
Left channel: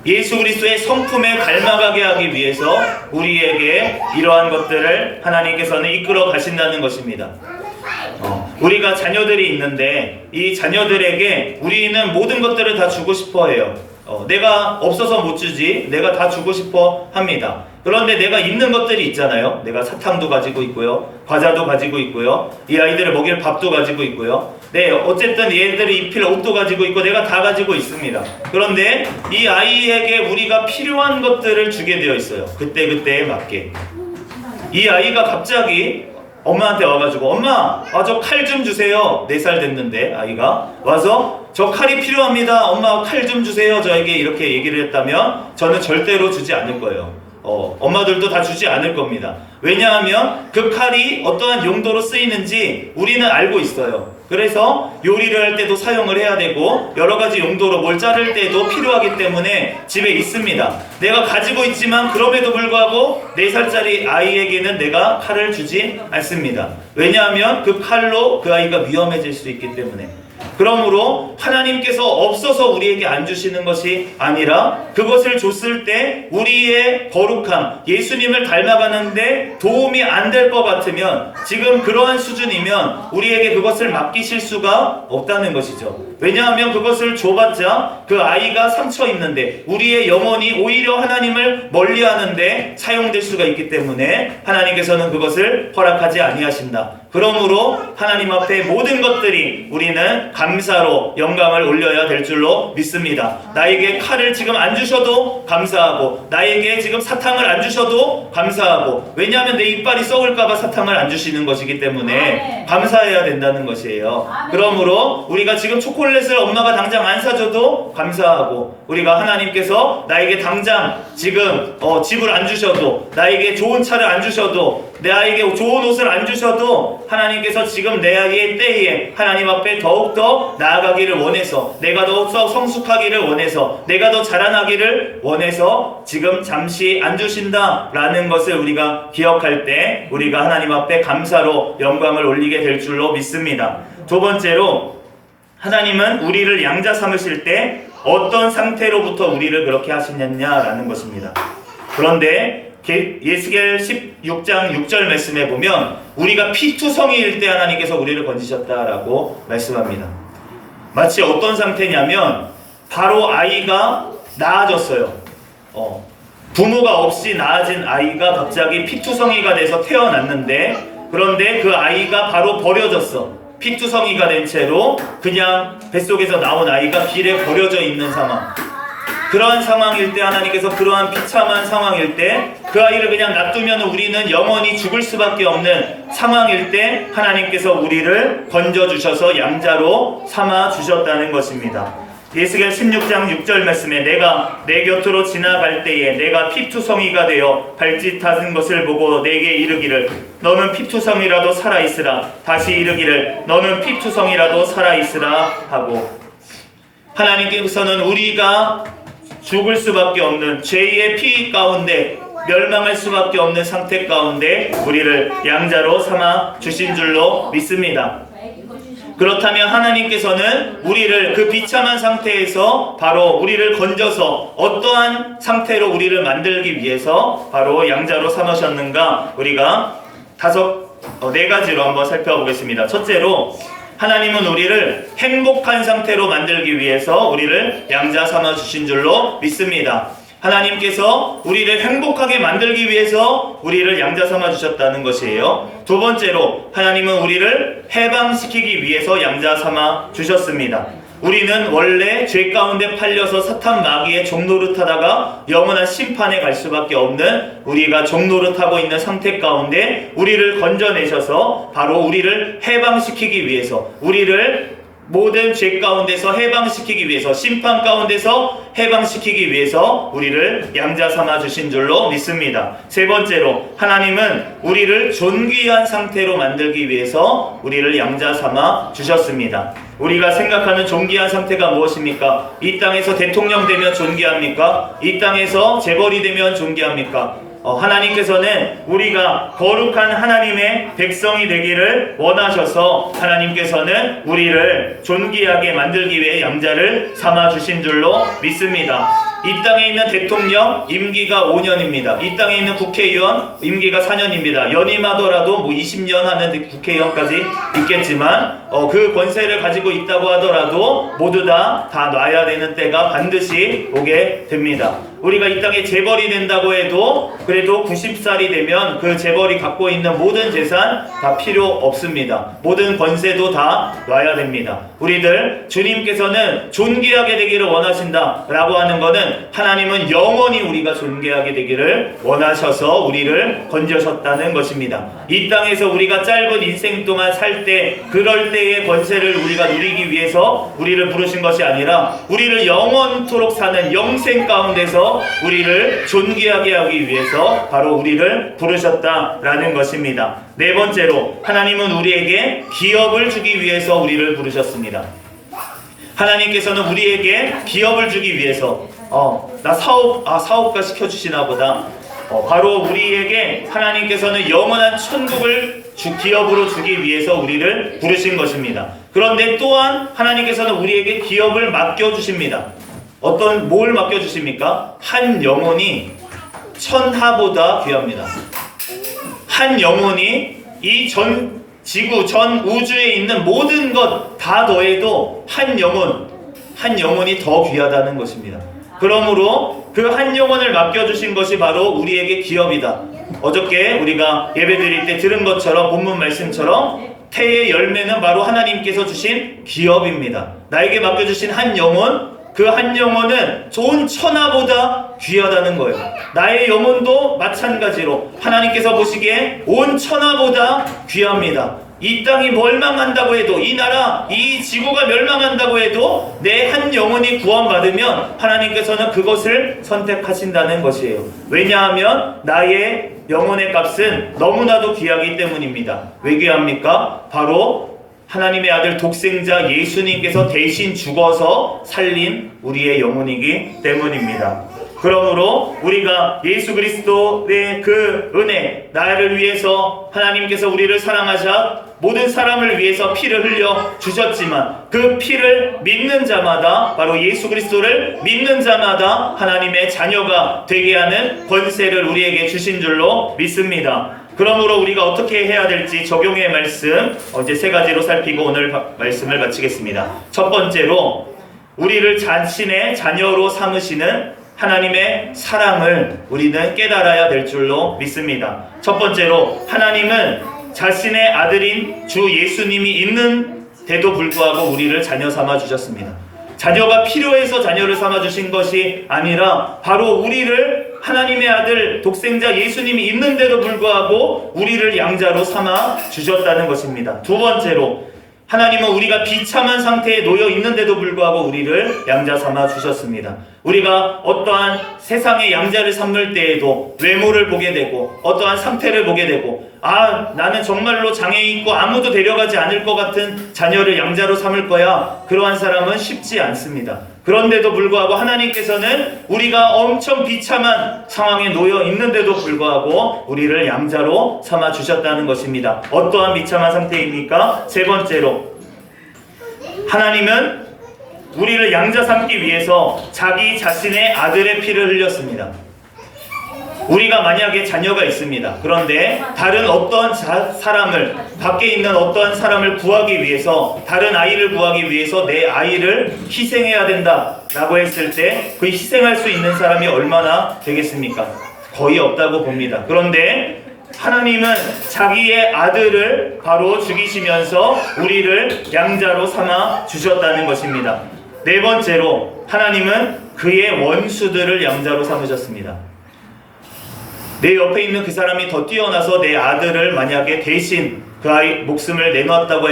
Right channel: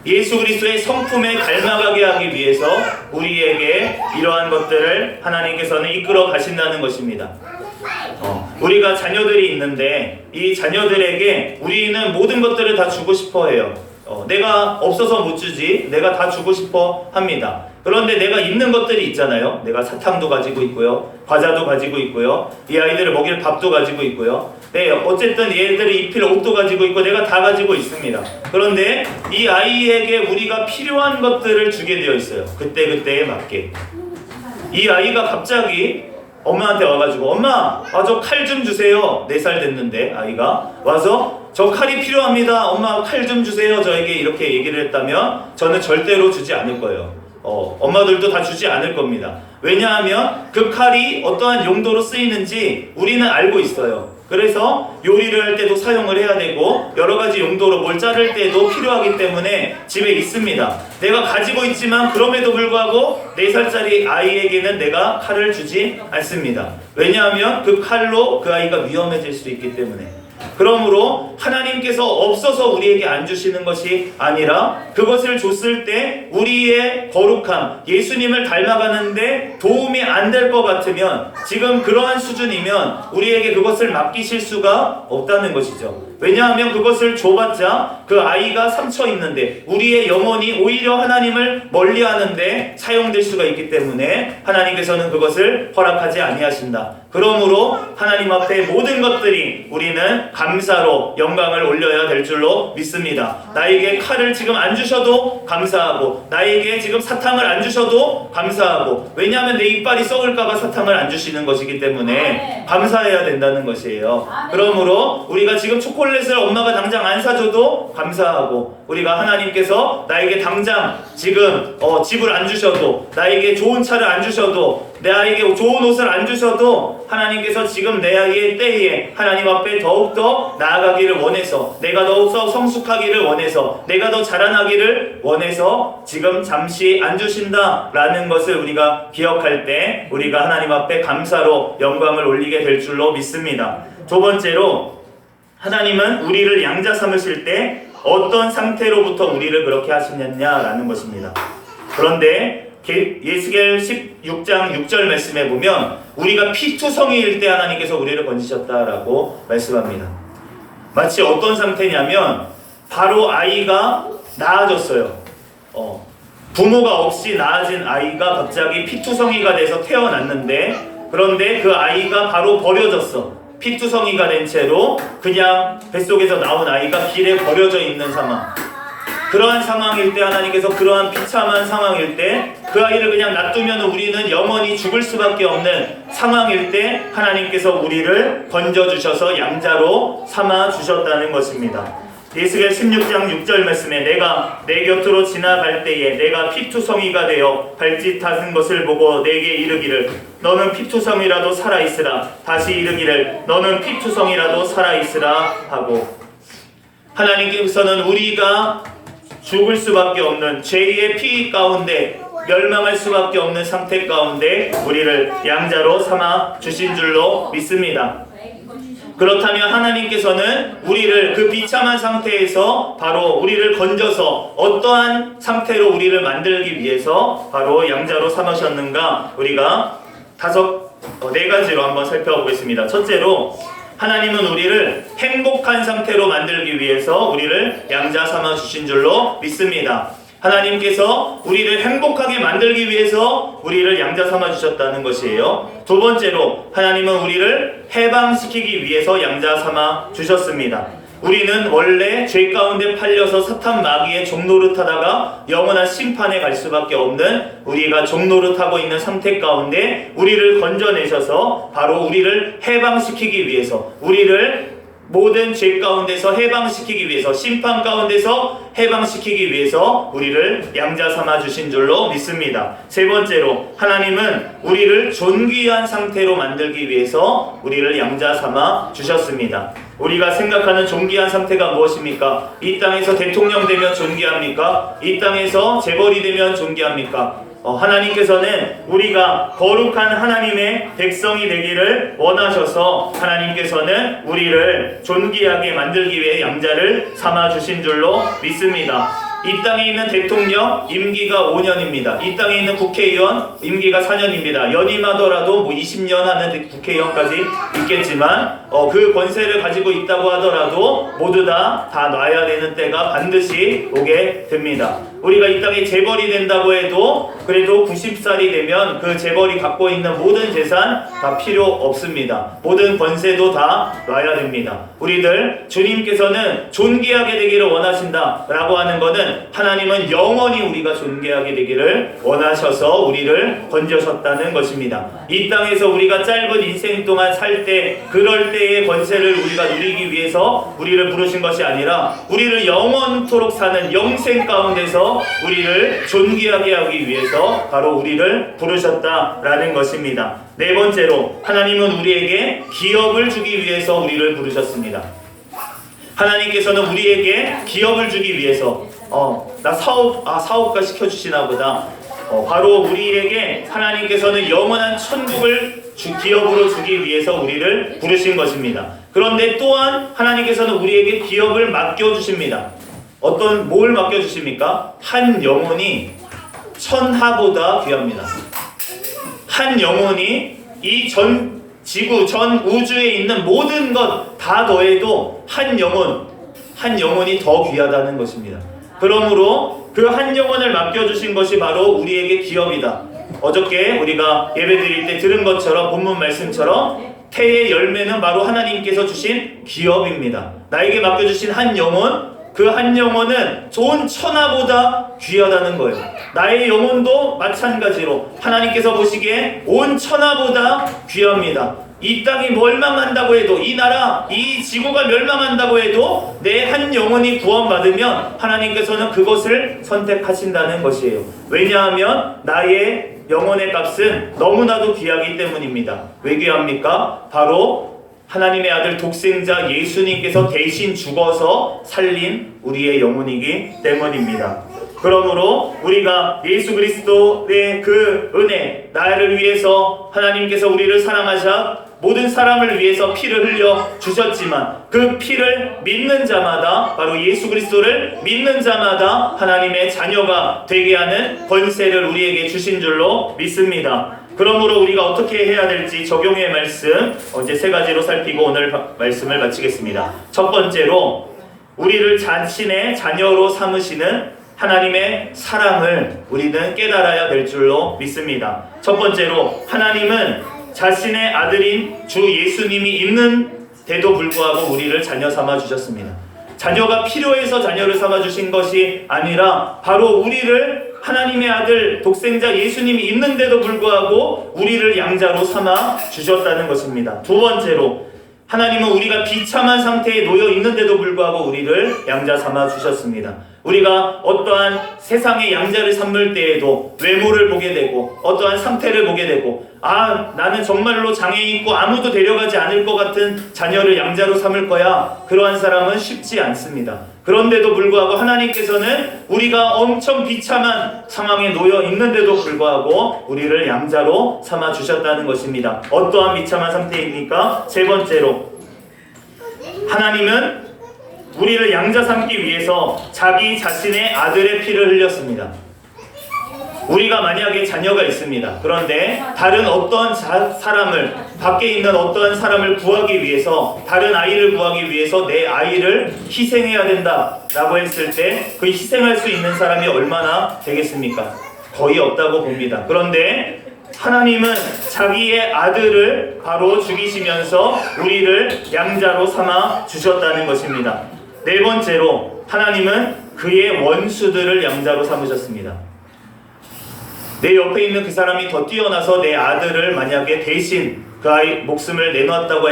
예수 그리스도의 성품에 닮아가게 하기 위해서 우리에게 이러한 것들을 하나님께서는 이끌어 가신다는 것입니다. 우리가 자녀들이 있는데 이 자녀들에게 우리는 모든 것들을 다 주고 싶어 해요. 내가 없어서 못 주지, 내가 다 주고 싶어 합니다. 그런데 내가 있는 것들이 있잖아요. 내가 사탕도 가지고 있고요, 과자도 가지고 있고요, 이 아이들을 먹일 밥도 가지고 있고요, 어쨌든 얘들이 입힐 옷도 가지고 있고 내가 다 가지고 있습니다. 그런데 이 아이에게 우리가 필요한 것들을 주게 되어 있어요. 그때그때에 맞게. 이 아이가 갑자기 엄마한테 와가지고 엄마, 저 칼 좀 주세요. 4살 됐는데 아이가 와서 저 칼이 필요합니다. 엄마 칼 좀 주세요. 저에게 이렇게 얘기를 했다면 저는 절대로 주지 않을 거예요. 엄마들도 다 주지 않을 겁니다. 왜냐하면 그 칼이 어떠한 용도로 쓰이는지 우리는 알고 있어요. 그래서 요리를 할 때도 사용을 해야 되고 여러 가지 용도로 뭘 자를 때도 필요하기 때문에 집에 있습니다. 내가 가지고 있지만 그럼에도 불구하고 4살짜리 아이에게는 내가 칼을 주지 않습니다. 왜냐하면 그 칼로 그 아이가 위험해질 수 있기 때문에. 그러므로 하나님께서 없어서 우리에게 안 주시는 것이 아니라 그것을 줬을 때 우리의 거룩함, 예수님을 닮아가는데 도움이 안 될 것 같으면, 지금 그러한 수준이면 우리에게 그것을 맡기실 수가 없다는 것이죠. 왜냐하면 그것을 줘봤자 그 아이가 상처 입는데, 우리의 영혼이 오히려 하나님을 멀리하는데 사용될 수가 있기 때문에 하나님께서는 그것을 허락하지 아니하신다. 그러므로 하나님 앞에 모든 것들이 우리는 감사로 영광을 올려야 될 줄로 믿습니다. 나에게 칼을 지금 안 주셔도 감사하고, 나에게 지금 사탕을 안 주셔도 감사하고, 왜냐하면 내 이빨이 썩을까봐 사탕을 안 주시는 것이기 때문에 감사해야 된다는 것이에요. 그러므로 우리가 지금 초콜릿을 엄마가 당장 안 사줘도 감사하고, 우리가 하나님께서 나에게 당장 지금 집을 안 주셔도, 나에게 좋은 차를 안 주셔도, 내 아이에게 좋은 옷을 안 주셔도 하나님께서 지금 내 아이의 때에 하나님 앞에 더욱더 나아가기를 원해서, 내가 더욱더 성숙하기를 원해서, 내가 더 자라나기를 원해서 지금 잠시 안 주신다라는 것을 우리가 기억할 때 우리가 하나님 앞에 감사로 영광을 올리게 될 줄로 믿습니다. 두 번째로, 하나님은 우리를 양자 삼으실 때 어떤 상태로부터 우리를 그렇게 하시느냐라는 것입니다. 그런데 예스겔 16장 6절 말씀에 보면 우리가 피투성이일 때 하나님께서 우리를 건지셨다라고 말씀합니다. 마치 어떤 상태냐면, 바로 아이가 나아졌어요. 부모가 없이 나아진 아이가 갑자기 피투성이가 돼서 태어났는데, 그런데 그 아이가 바로 버려졌어. 피투성이가 된 채로 그냥 뱃속에서 나온 아이가 길에 버려져 있는 상황. 그러한 상황일 때 하나님께서, 그러한 비참한 상황일 때 그 아이를 그냥 놔두면 우리는 영원히 죽을 수밖에 없는 상황일 때 하나님께서 우리를 건져주셔서 양자로 삼아주셨다는 것입니다. 예스겔 16장 6절 말씀에, 내가 내 곁으로 지나갈 때에 내가 피투성이가 되어 발짓하는 것을 보고 내게 이르기를, 너는 피투성이라도 살아있으라. 다시 이르기를, 너는 피투성이라도 살아있으라 하고, 하나님께서는 우리가 죽을 수밖에 없는 죄의 피 가운데, 멸망할 수밖에 없는 상태 가운데 우리를 양자로 삼아 주신 줄로 믿습니다. 그렇다면 하나님께서는 우리를 그 비참한 상태에서 바로 우리를 건져서 어떠한 상태로 우리를 만들기 위해서 바로 양자로 삼으셨는가, 우리가 네 가지로 한번 살펴보겠습니다. 첫째로, 하나님은 우리를 행복한 상태로 만들기 위해서 우리를 양자 삼아 주신 줄로 믿습니다. 하나님께서 우리를 행복하게 만들기 위해서 우리를 양자 삼아 주셨다는 것이에요. 두 번째로, 하나님은 우리를 해방시키기 위해서 양자 삼아 주셨습니다. 우리는 원래 죄 가운데 팔려서 사탄 마귀의 종노릇하다가 영원한 심판에 갈 수밖에 없는, 우리가 종노릇하고 있는 상태 가운데 우리를 건져내셔서 바로 우리를 해방시키기 위해서, 우리를 모든 죄 가운데서 해방시키기 위해서, 심판 가운데서 해방시키기 위해서 우리를 양자 삼아 주신 줄로 믿습니다. 세 번째로, 하나님은 우리를 존귀한 상태로 만들기 위해서 우리를 양자 삼아 주셨습니다. 우리가 생각하는 존귀한 상태가 무엇입니까? 이 땅에서 대통령 되면 존귀합니까? 이 땅에서 재벌이 되면 존귀합니까? 하나님께서는 우리가 거룩한 하나님의 백성이 되기를 원하셔서 하나님께서는 우리를 존귀하게 만들기 위해 양자를 삼아 주신 줄로 믿습니다. 이 땅에 있는 대통령 임기가 5년입니다. 이 땅에 있는 국회의원 임기가 4년입니다. 연임하더라도 20년 하는 국회의원까지 있겠지만 그 권세를 가지고 있다고 하더라도 모두 다 놔야 되는 때가 반드시 오게 됩니다. 우리가 이 땅에 재벌이 된다고 해도 그래도 90살이 되면 그 재벌이 갖고 있는 모든 재산 다 필요 없습니다. 모든 권세도 다 놔야 됩니다. 우리들 주님께서는 존귀하게 되기를 원하신다 라고 하는 것은, 하나님은 영원히 우리가 존귀하게 되기를 원하셔서 우리를 건져셨다는 것입니다. 이 땅에서 우리가 짧은 인생 동안 살 때, 그럴 때의 권세를 우리가 누리기 위해서 우리를 부르신 것이 아니라 우리를 영원토록 사는 영생 가운데서 우리를 존귀하게 하기 위해서 바로 우리를 부르셨다라는 것입니다. 네 번째로, 하나님은 우리에게 기업을 주기 위해서 우리를 부르셨습니다. 하나님께서는 우리에게 기업을 주기 위해서 나 사업가 시켜주시나 보다. 바로 우리에게 하나님께서는 영원한 천국을 기업으로 주기 위해서 우리를 부르신 것입니다. 그런데 또한 하나님께서는 우리에게 기업을 맡겨주십니다. 뭘 맡겨주십니까? 한 영혼이 천하보다 귀합니다. 한 영혼이 이 전 지구, 전 우주에 있는 모든 것 다 더해도 한 영혼이 더 귀하다는 것입니다. 그러므로 그 한 영혼을 맡겨주신 것이 바로 우리에게 기업이다. 어저께 우리가 예배드릴 때 들은 것처럼 본문 말씀처럼 태의 열매는 바로 하나님께서 주신 기업입니다. 나에게 맡겨주신 한 영혼, 그 한 영혼은 좋은 천하보다 귀하다는 거예요. 나의 영혼도 마찬가지로 하나님께서 보시기에 온 천하보다 귀합니다. 이 땅이 멸망한다고 해도, 이 나라, 이 지구가 멸망한다고 해도 내 한 영혼이 구원받으면 하나님께서는 그것을 선택하신다는 것이에요. 왜냐하면 나의 영혼의 값은 너무나도 귀하기 때문입니다. 왜 귀합니까? 바로 하나님의 아들 독생자 예수님께서 대신 죽어서 살린 우리의 영혼이기 때문입니다. 그러므로 우리가 예수 그리스도의 그 은혜, 나를 위해서 하나님께서 우리를 사랑하사 모든 사람을 위해서 피를 흘려 주셨지만 그 피를 믿는 자마다, 바로 예수 그리스도를 믿는 자마다 하나님의 자녀가 되게 하는 권세를 우리에게 주신 줄로 믿습니다. 그러므로 우리가 어떻게 해야 될지 적용의 말씀 이제 세 가지로 살피고 오늘 말씀을 마치겠습니다. 첫 번째로 우리를 자신의 자녀로 삼으시는 하나님의 사랑을 우리는 깨달아야 될 줄로 믿습니다. 첫 번째로 하나님은 자신의 아들인 주 예수님이 있는데도 불구하고 우리를 자녀 삼아 주셨습니다. 자녀가 필요해서 자녀를 삼아 주신 것이 아니라 바로 우리를 하나님의 아들 독생자 예수님이 있는데도 불구하고 우리를 양자로 삼아 주셨다는 것입니다. 두 번째로 하나님은 우리가 비참한 상태에 놓여 있는데도 불구하고 우리를 양자 삼아 주셨습니다. 우리가 어떠한 세상의 양자를 삼을 때에도 외모를 보게 되고 어떠한 상태를 보게 되고 나는 정말로 장애인 있고 아무도 데려가지 않을 것 같은 자녀를 양자로 삼을 거야. 그러한 사람은 쉽지 않습니다. 그런데도 불구하고 하나님께서는 우리가 엄청 비참한 상황에 놓여 있는데도 불구하고 우리를 양자로 삼아 주셨다는 것입니다. 어떠한 비참한 상태입니까? 세 번째로 하나님은 우리를 양자 삼기 위해서 자기 자신의 아들의 피를 흘렸습니다. 우리가 만약에 자녀가 있습니다. 그런데 다른 어떤 사람을, 밖에 있는 어떠한 사람을 구하기 위해서, 다른 아이를 구하기 위해서 내 아이를 희생해야 된다라고 했을 때 그 희생할 수 있는 사람이 얼마나 되겠습니까? 거의 없다고 봅니다. 그런데 하나님은 자기의 아들을 바로 죽이시면서 우리를 양자로 삼아 주셨다는 것입니다. 네 번째로 하나님은 그의 원수들을 양자로 삼으셨습니다. 내 옆에 있는 그 사람이 더 뛰어나서 내 아들을 만약에 대신 그 아이 목숨을 내놓았다고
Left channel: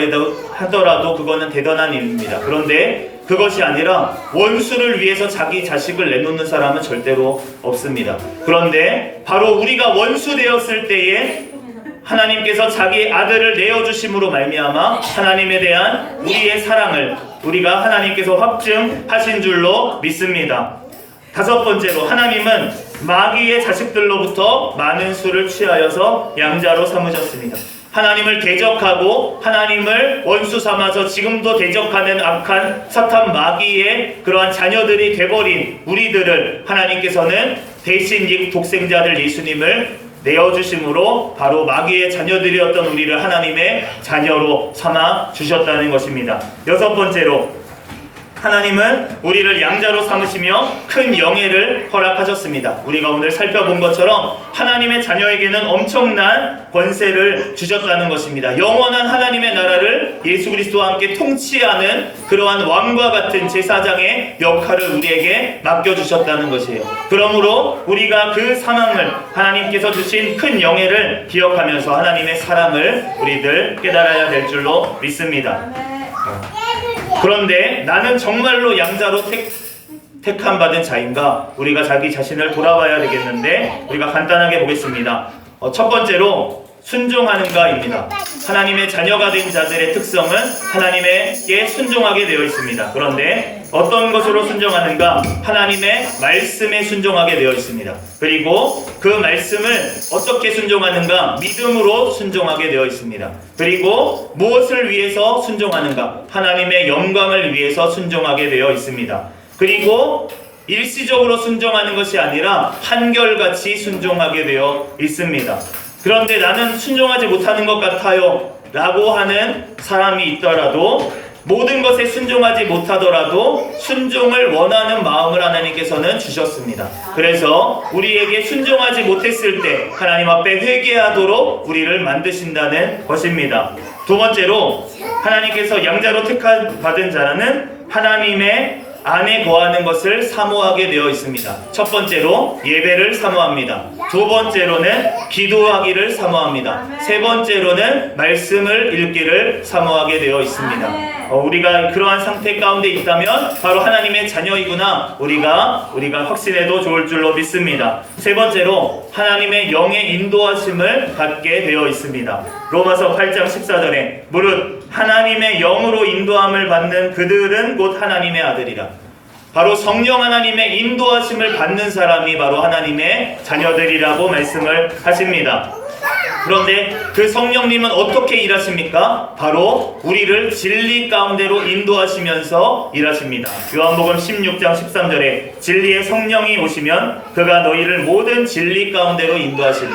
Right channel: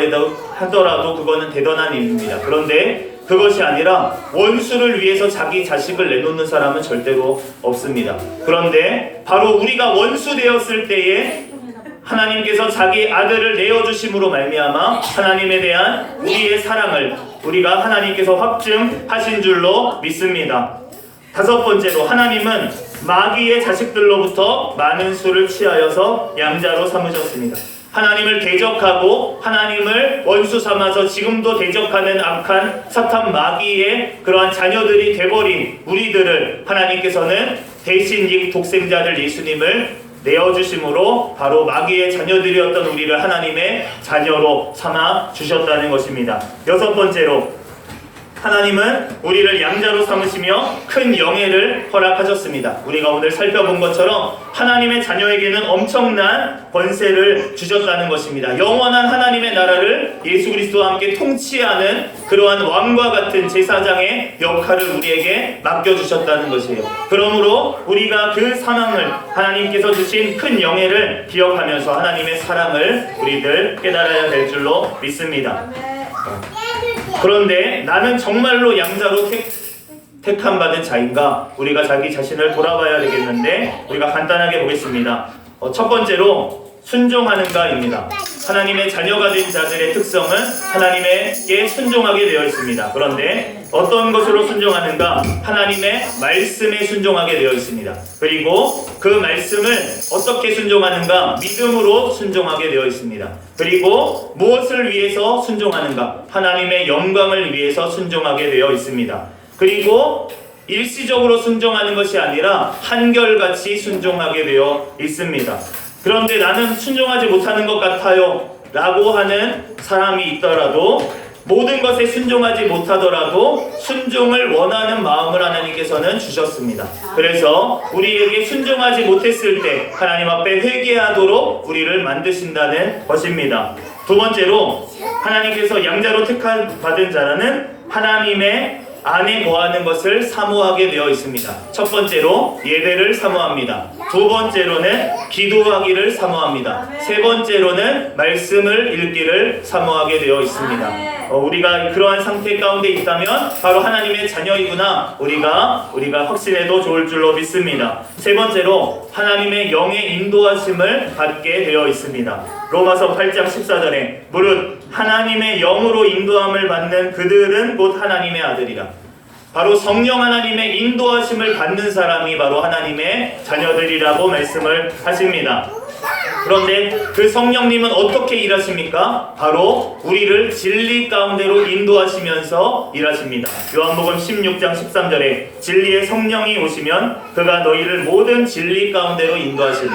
하더라도 그거는 대단한 일입니다. 그런데 그것이 아니라 원수를 위해서 자기 자식을 내놓는 사람은 절대로 없습니다. 그런데 바로 우리가 원수 되었을 때에 하나님께서 자기 아들을 내어주심으로 말미암아 하나님에 대한 우리의 사랑을 우리가 하나님께서 확증하신 줄로 믿습니다. 다섯 번째로 하나님은 마귀의 자식들로부터 많은 수를 취하여서 양자로 삼으셨습니다. 하나님을 대적하고 하나님을 원수 삼아서 지금도 대적하는 악한 사탄 마귀의 그러한 자녀들이 돼버린 우리들을 하나님께서는 대신 이 독생자들 예수님을 내어주심으로 바로 마귀의 자녀들이었던 우리를 하나님의 자녀로 삼아 주셨다는 것입니다. 여섯 번째로 하나님은 우리를 양자로 삼으시며 큰 영예를 허락하셨습니다. 우리가 오늘 살펴본 것처럼 하나님의 자녀에게는 엄청난 권세를 주셨다는 것입니다. 영원한 하나님의 나라를 예수 그리스도와 함께 통치하는 그러한 왕과 같은 제사장의 역할을 우리에게 맡겨주셨다는 것이에요. 그러므로 우리가 그 상황을 하나님께서 주신 큰 영예를 기억하면서 하나님의 사랑을 우리들 깨달아야 될 줄로 믿습니다. 그런데 나는 정말로 양자로 택함 받은 자인가? 우리가 자기 자신을 돌아봐야 되겠는데 우리가 간단하게 보겠습니다. 첫 번째로 순종하는가입니다. 하나님의 자녀가 된 자들의 특성은 하나님에게 순종하게 되어 있습니다. 그런데 어떤 것으로 순종하는가? 하나님의 말씀에 순종하게 되어 있습니다. 그리고 그 말씀을 어떻게 순종하는가? 믿음으로 순종하게 되어 있습니다. 그리고 무엇을 위해서 순종하는가? 하나님의 영광을 위해서 순종하게 되어 있습니다. 그리고 일시적으로 순종하는 것이 아니라 한결같이 순종하게 되어 있습니다. 그런데 나는 순종하지 못하는 것 같아요 라고 하는 사람이 있더라도, 모든 것에 순종하지 못하더라도 순종을 원하는 마음을 하나님께서는 주셨습니다. 그래서 우리에게 순종하지 못했을 때 하나님 앞에 회개하도록 우리를 만드신다는 것입니다. 두 번째로, 하나님께서 양자로 택받은 자라는 하나님의 안에 거하는 것을 사모하게 되어 있습니다. 첫 번째로 예배를 사모합니다. 두 번째로는 기도하기를 사모합니다. 세 번째로는 말씀을 읽기를 사모하게 되어 있습니다. 우리가 그러한 상태 가운데 있다면 바로 하나님의 자녀이구나 우리가 확신해도 좋을 줄로 믿습니다. 세 번째로, 하나님의 영의 인도하심을 받게 되어 있습니다. 로마서 8장 14절에 무릇 하나님의 영으로 인도함을 받는 그들은 곧 하나님의 아들이라. 바로 성령 하나님의 인도하심을 받는 사람이 바로 하나님의 자녀들이라고 말씀을 하십니다. 그런데 그 성령님은 어떻게 일하십니까? 바로 우리를 진리 가운데로 인도하시면서 일하십니다. 요한복음 16장 13절에 진리의 성령이 오시면 그가 너희를 모든 진리 가운데로 인도하시리니,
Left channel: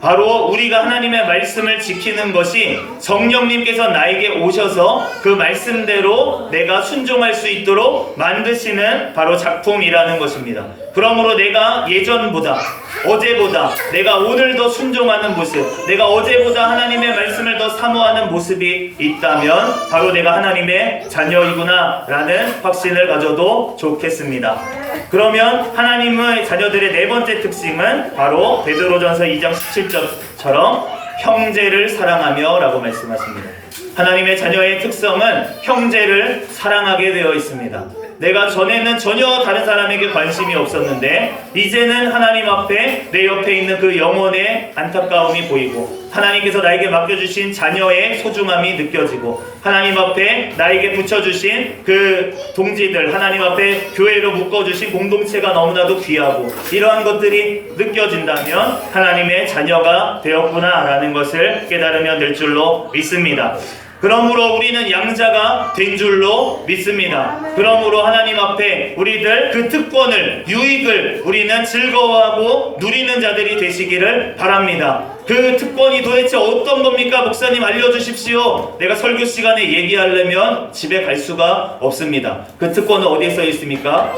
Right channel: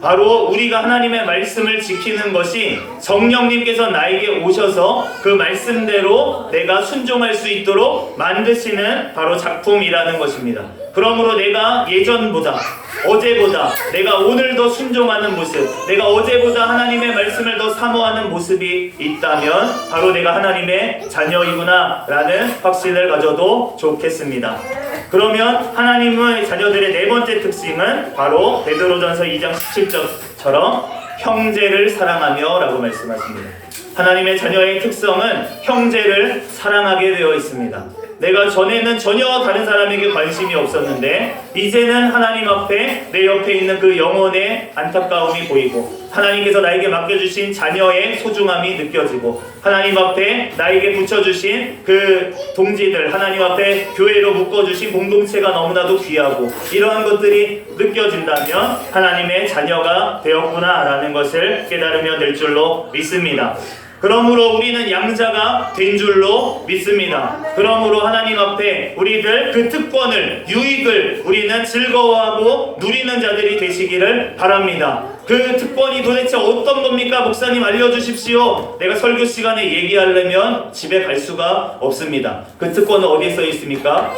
바로 우리가 하나님의 말씀을 지키는 것이 성령님께서 나에게 오셔서 그 말씀대로 내가 순종할 수 있도록 만드시는 바로 작품이라는 것입니다. 그러므로 내가 예전보다, 어제보다, 내가 오늘 더 순종하는 모습, 내가 어제보다 하나님의 말씀을 더 사모하는 모습이 있다면 바로 내가 하나님의 자녀이구나 라는 확신을 가져도 좋겠습니다. 그러면 하나님의 자녀들의 네 번째 특징은 바로 베드로전서 2장 17절처럼 형제를 사랑하며 라고 말씀하십니다. 하나님의 자녀의 특성은 형제를 사랑하게 되어 있습니다. 내가 전에는 전혀 다른 사람에게 관심이 없었는데 이제는 하나님 앞에 내 옆에 있는 그 영혼의 안타까움이 보이고, 하나님께서 나에게 맡겨주신 자녀의 소중함이 느껴지고, 하나님 앞에 나에게 붙여주신 그 동지들, 하나님 앞에 교회로 묶어주신 공동체가 너무나도 귀하고, 이러한 것들이 느껴진다면 하나님의 자녀가 되었구나 라는 것을 깨달으면 될 줄로 믿습니다. 그러므로 우리는 양자가 된 줄로 믿습니다. 그러므로 하나님 앞에 우리들 그 특권을, 유익을 우리는 즐거워하고 누리는 자들이 되시기를 바랍니다. 그 특권이 도대체 어떤 겁니까? 목사님 알려주십시오. 내가 설교 시간에 얘기하려면 집에 갈 수가 없습니다. 그 특권은 어디에 써 있습니까?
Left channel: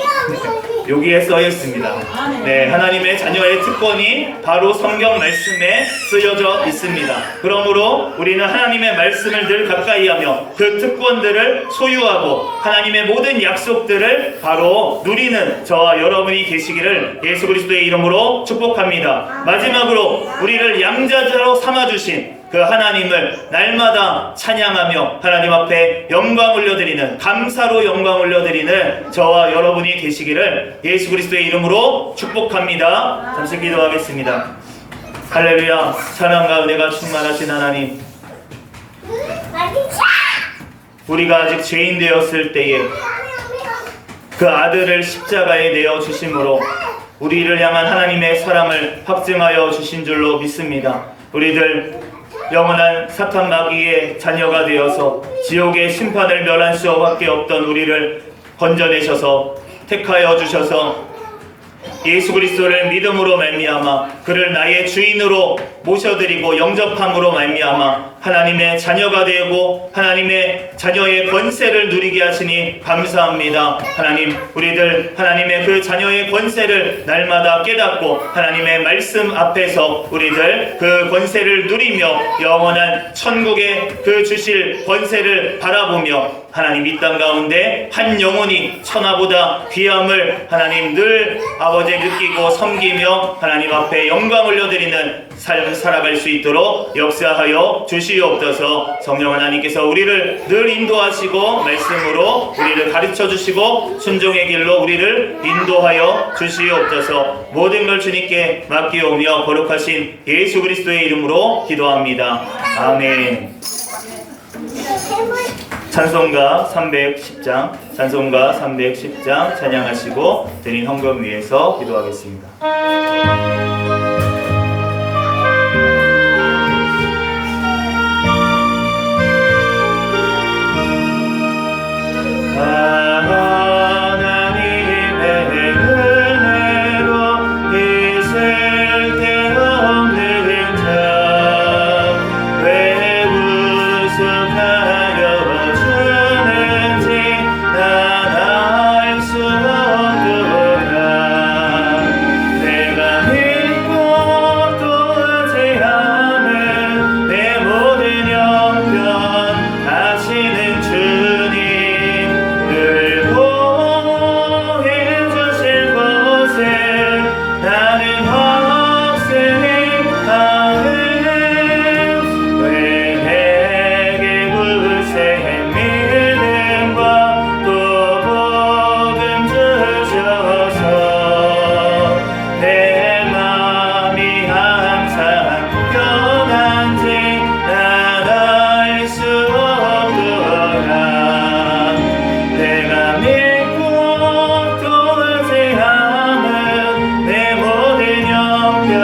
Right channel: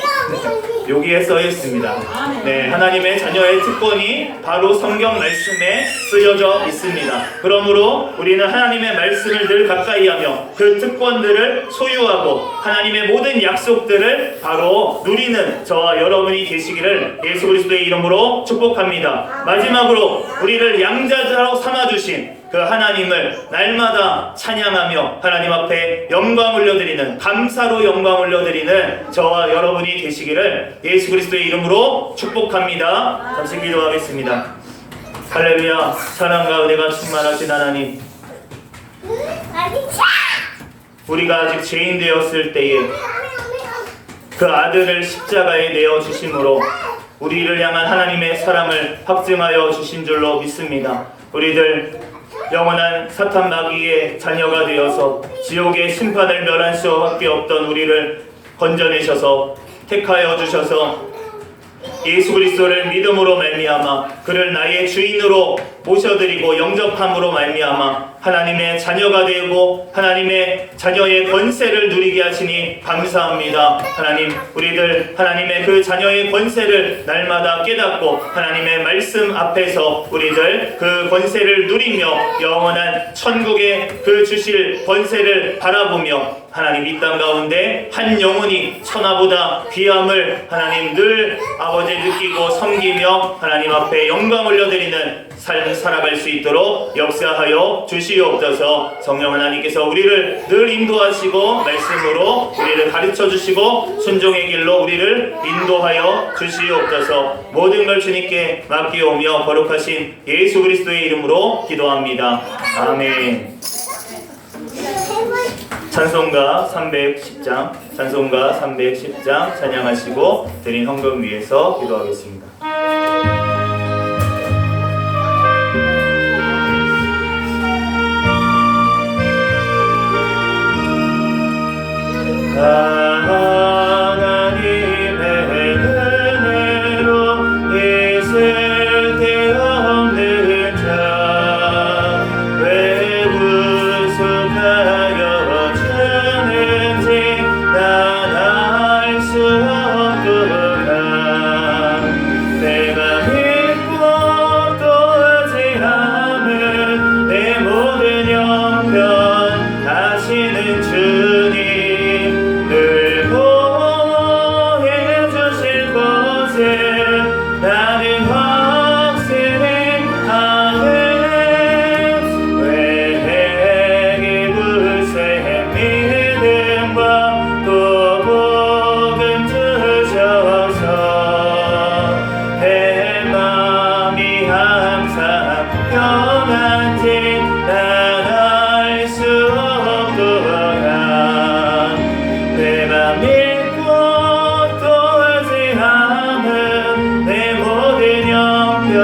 여기에 써 있습니다. 네, 하나님의 자녀의 특권이 바로 성경 말씀에 쓰여져 있습니다. 그러므로 우리는 하나님의 말씀을 늘 가까이 하며 그 특권들을 소유하고 하나님의 모든 약속들을 바로 누리는 저와 여러분이 계시기를 예수 그리스도의 이름으로 축복합니다. 마지막으로 우리를 양자로 삼아주신 그 하나님을 날마다 찬양하며 하나님 앞에 영광 올려드리는, 감사로 영광 올려드리는 저와 여러분이 되시기를 예수 그리스도의 이름으로 축복합니다. 잠시 기도하겠습니다. 할렐루야. 찬양과 은혜가 충만하신 하나님, 우리가 아직 죄인 되었을 때에 그 아들을 십자가에 내어 주심으로 우리를 향한 하나님의 사랑을 확증하여 주신 줄로 믿습니다. 우리들 영원한 사탄 마귀의 자녀가 되어서 지옥의 심판을 멸할 수밖에 없던 우리를 건져내셔서 택하여 주셔서 예수 그리스도를 믿음으로 말미암아 그를 나의 주인으로 모셔드리고 영접함으로 말미암아 하나님의 자녀가 되고 하나님의 자녀의 권세를 누리게 하시니 감사합니다. 하나님, 우리들 하나님의 그 자녀의 권세를 날마다 깨닫고 하나님의 말씀 앞에서 우리들 그 권세를 누리며 영원한 천국의 그 주실 권세를 바라보며 하나님 이 땅 가운데 한 영혼이 천하보다 귀함을 하나님 늘 아버지 느끼고 섬기며 하나님 앞에 영광 올려드리는 삶을 살아갈 수 있도록 역사하여 주시옵소서. 성령 하나님께서 우리를 늘 인도하시고 말씀으로 우리를 가르쳐 주시고 순종의 길로 우리를 인도하여 주시옵소서. 모든 걸 주님께 맡기오며 거룩하신 예수 그리스도의 이름으로 기도합니다. 아멘. 찬송가 310장 찬송가 310장 찬양하시고 드린 헌금 위해서 기도하겠습니다. 하나님의 은혜로 있을 데 없는 자 왜 구속하여 주는지 난 알 수 없구나. 내가 믿고 또 의지하는 내 모든 영변 하시는 주님 늘 보호해주실 곳에 나는 확신하네. 왜 내게 굳세 믿음과 또 복음 주셔서 내 맘이 항상 평안지 난 알 수 없구나. 내가 믿고 또 의지하는 내 모든 영변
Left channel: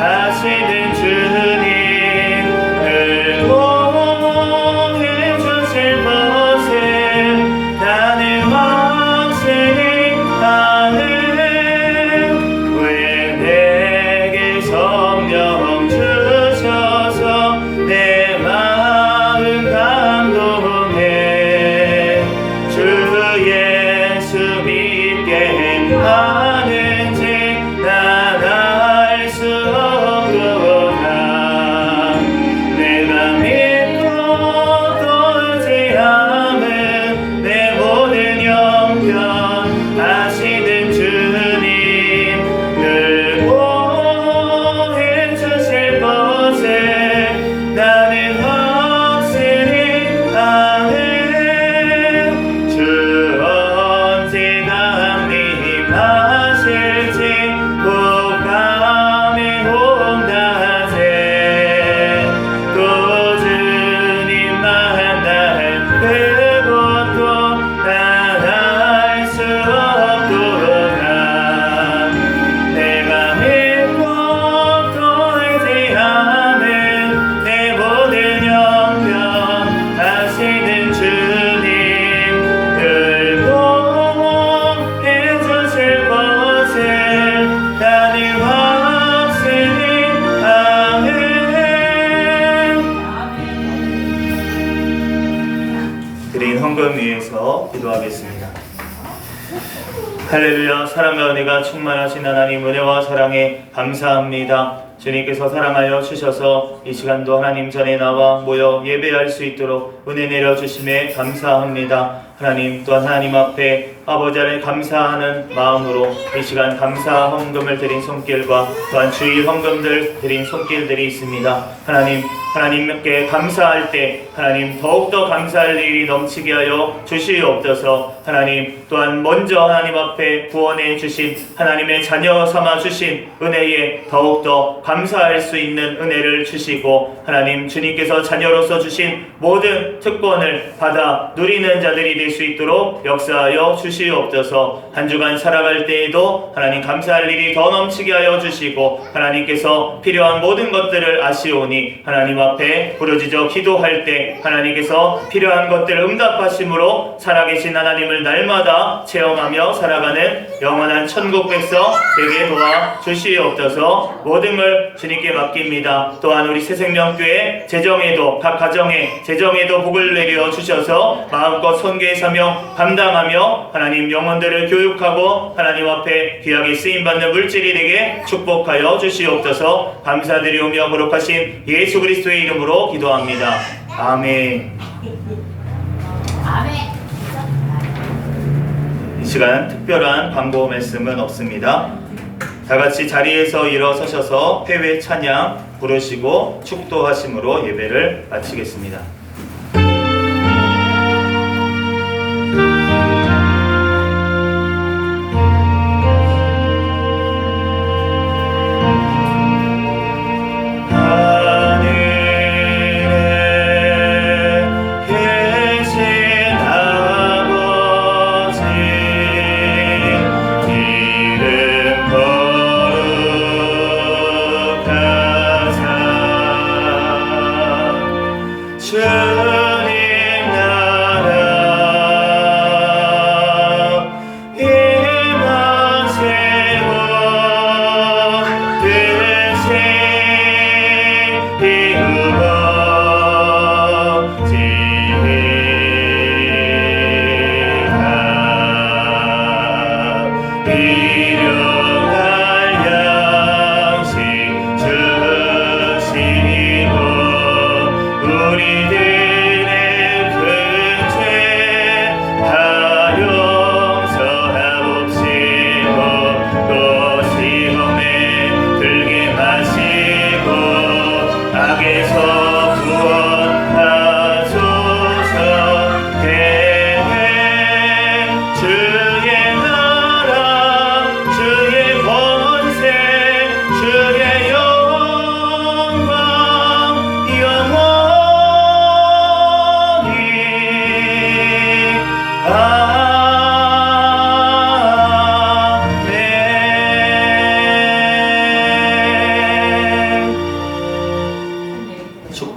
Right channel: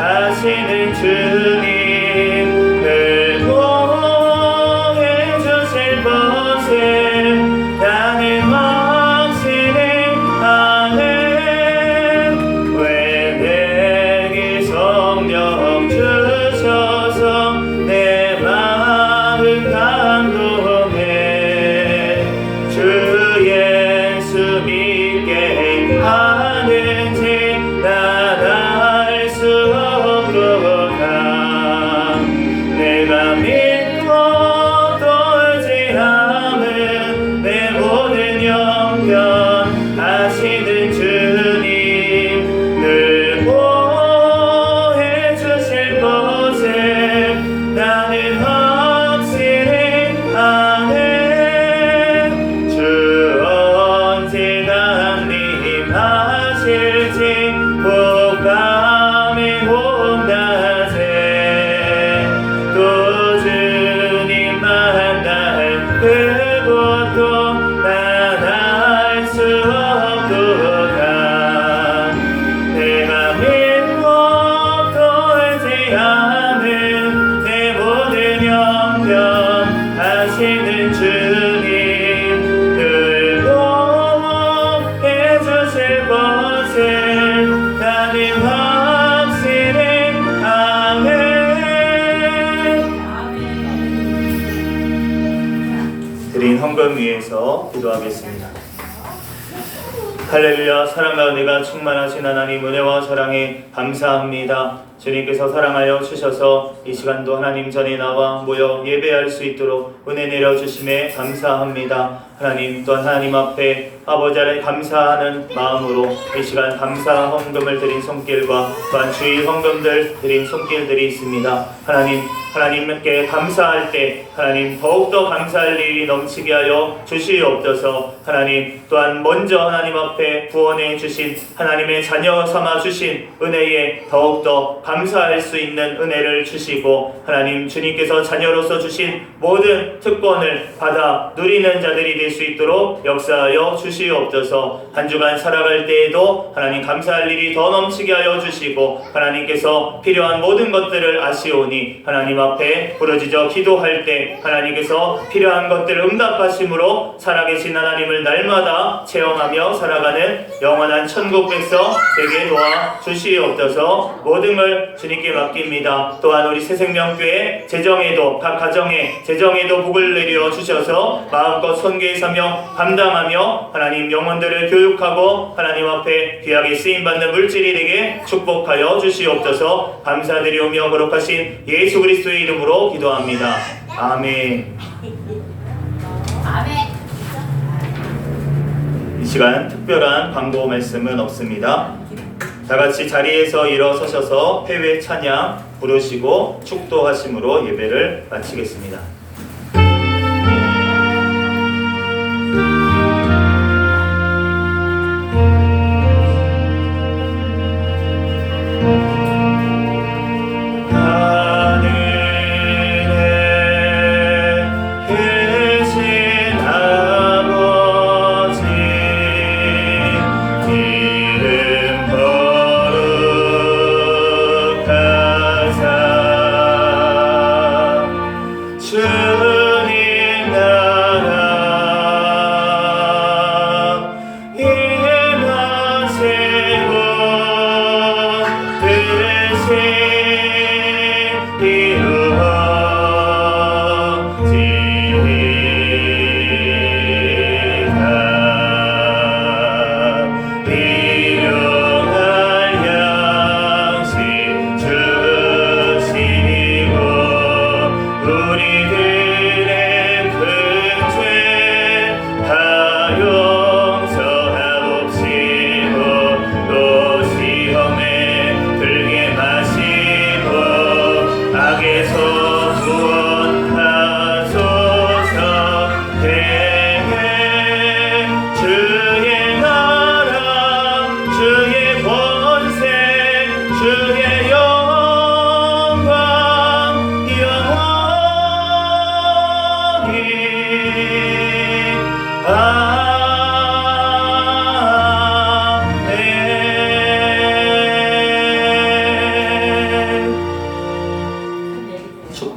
하시는 주님 늘 보호해주실 곳에 나는 확신이 하네. 왜 내게 성령 주셔서 내 마음 감동해. 주 예수 믿게 하는지 난 알 수 없구나. 내가 믿고 또 의지하는 내 모든 영변 하시는 주님 늘 보호해주실 곳에 나는 확신이 하네. 주 언제 강림하실지 복밤에 온다세. 또 주님 만날 그곳도 난 알 수 없구나. 내가 믿고 또 의지하는 내 모든 영변 하시는 주님 늘 보호해주실 곳에 나는 확신이 하네. 드린 헌금 위해서 기도하겠습니다. 할렐루야. 사랑과 은혜가 충만하신 하나님 은혜와 사랑에 감사합니다. 주님께서 사랑하여 주셔서 이 시간도 하나님 전에 나와 모여 예배할 수 있도록 은혜 내려주심에 감사합니다. 하나님 또한 하나님 앞에 아버지 안에 감사하는 마음으로 이 시간 감사 헌금을 드린 손길과 또한 주의 헌금들 드린 손길들이 있습니다. 하나님께 감사할 때 하나님 더욱더 감사할 일이 넘치게 하여 주시옵소서. 하나님 또한 먼저 하나님 앞에 구원해 주신 하나님의 자녀 삼아 주신 은혜에 더욱더 감사할 수 있는 은혜를 주시고 하나님 주님께서 자녀로서 주신 모든 특권을 받아 누리는 자들이 될 수 있도록 역사하여 주시옵소서. 한 주간 살아갈 때에도 하나님 감사할 일이 더 넘치게 하여 주시고 하나님께서 필요한 모든 것들을 아시오니 하나님 앞에 부르짖어 기도할 때 하나님께서 필요한 것들을 응답하심으로 살아계신 하나님을 날마다 체험하며 살아가는 영원한 천국 백성 되게 도와 주시옵소서. 모든 걸 주님께 맡깁니다. 또한 우리 새생명교회 재정에도 각 가정에 재정에도 복을 내려 주셔서 마음껏 선교의 사명 감당하며 하나님 영혼들을 교육하고 하나님 앞에 귀하게 쓰임받는 물질이 되게 축복하여 주시옵소서. 감사드리오며 거룩하신 예수 그리스도의 이름으로 기도합니다. 아멘. 아멘. 시간 특별한 광고 말씀은 없습니다. 다 같이 자리에서 일어서셔서 회외 찬양 부르시고 축도하심으로 예배를 마치겠습니다.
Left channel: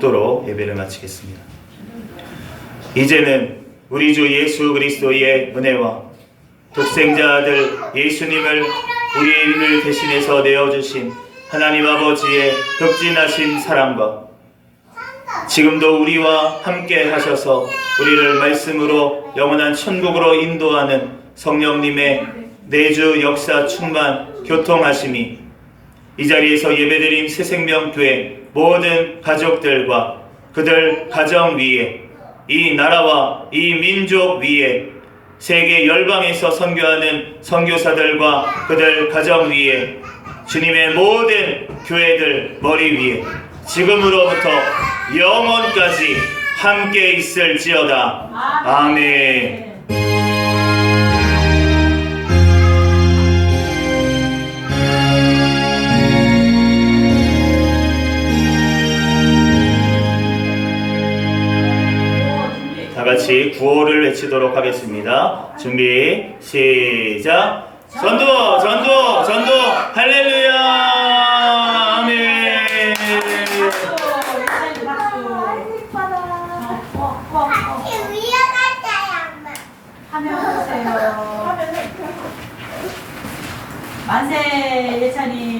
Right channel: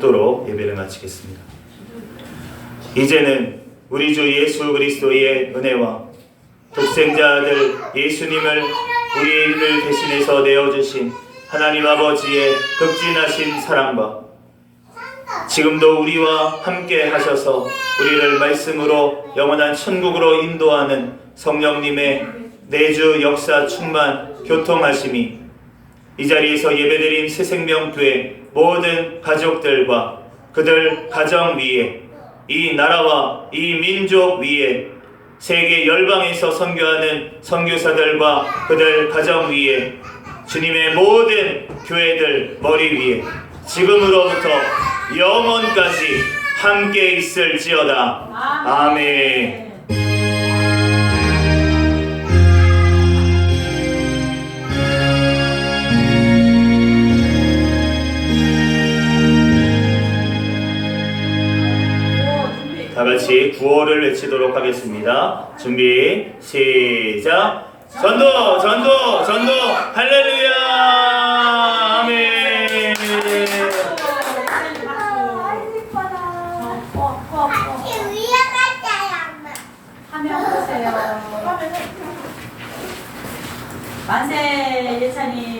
축도로 예배를 마치겠습니다. 이제는 우리 주 예수 그리스도의 은혜와 독생자 아들 예수님을 우리를 대신해서 내어주신 하나님 아버지의 극진하신 사랑과 지금도 우리와 함께 하셔서 우리를 말씀으로 영원한 천국으로 인도하는 성령님의 내주 역사 충만 교통하심이 이 자리에서 예배드린 새생명교회 모든 가족들과 그들 가정 위에 이 나라와 이 민족 위에 세계 열방에서 선교하는 선교사들과 그들 가정 위에 주님의 모든 교회들 머리 위에 지금으로부터 영원까지 함께 있을지어다. 아멘. 다 같이 구호를 외치도록 하겠습니다. 준비, 시작. 전도, 전도, 전도, 할렐루야, 아멘. 화면 보세요. 만세 예찬이.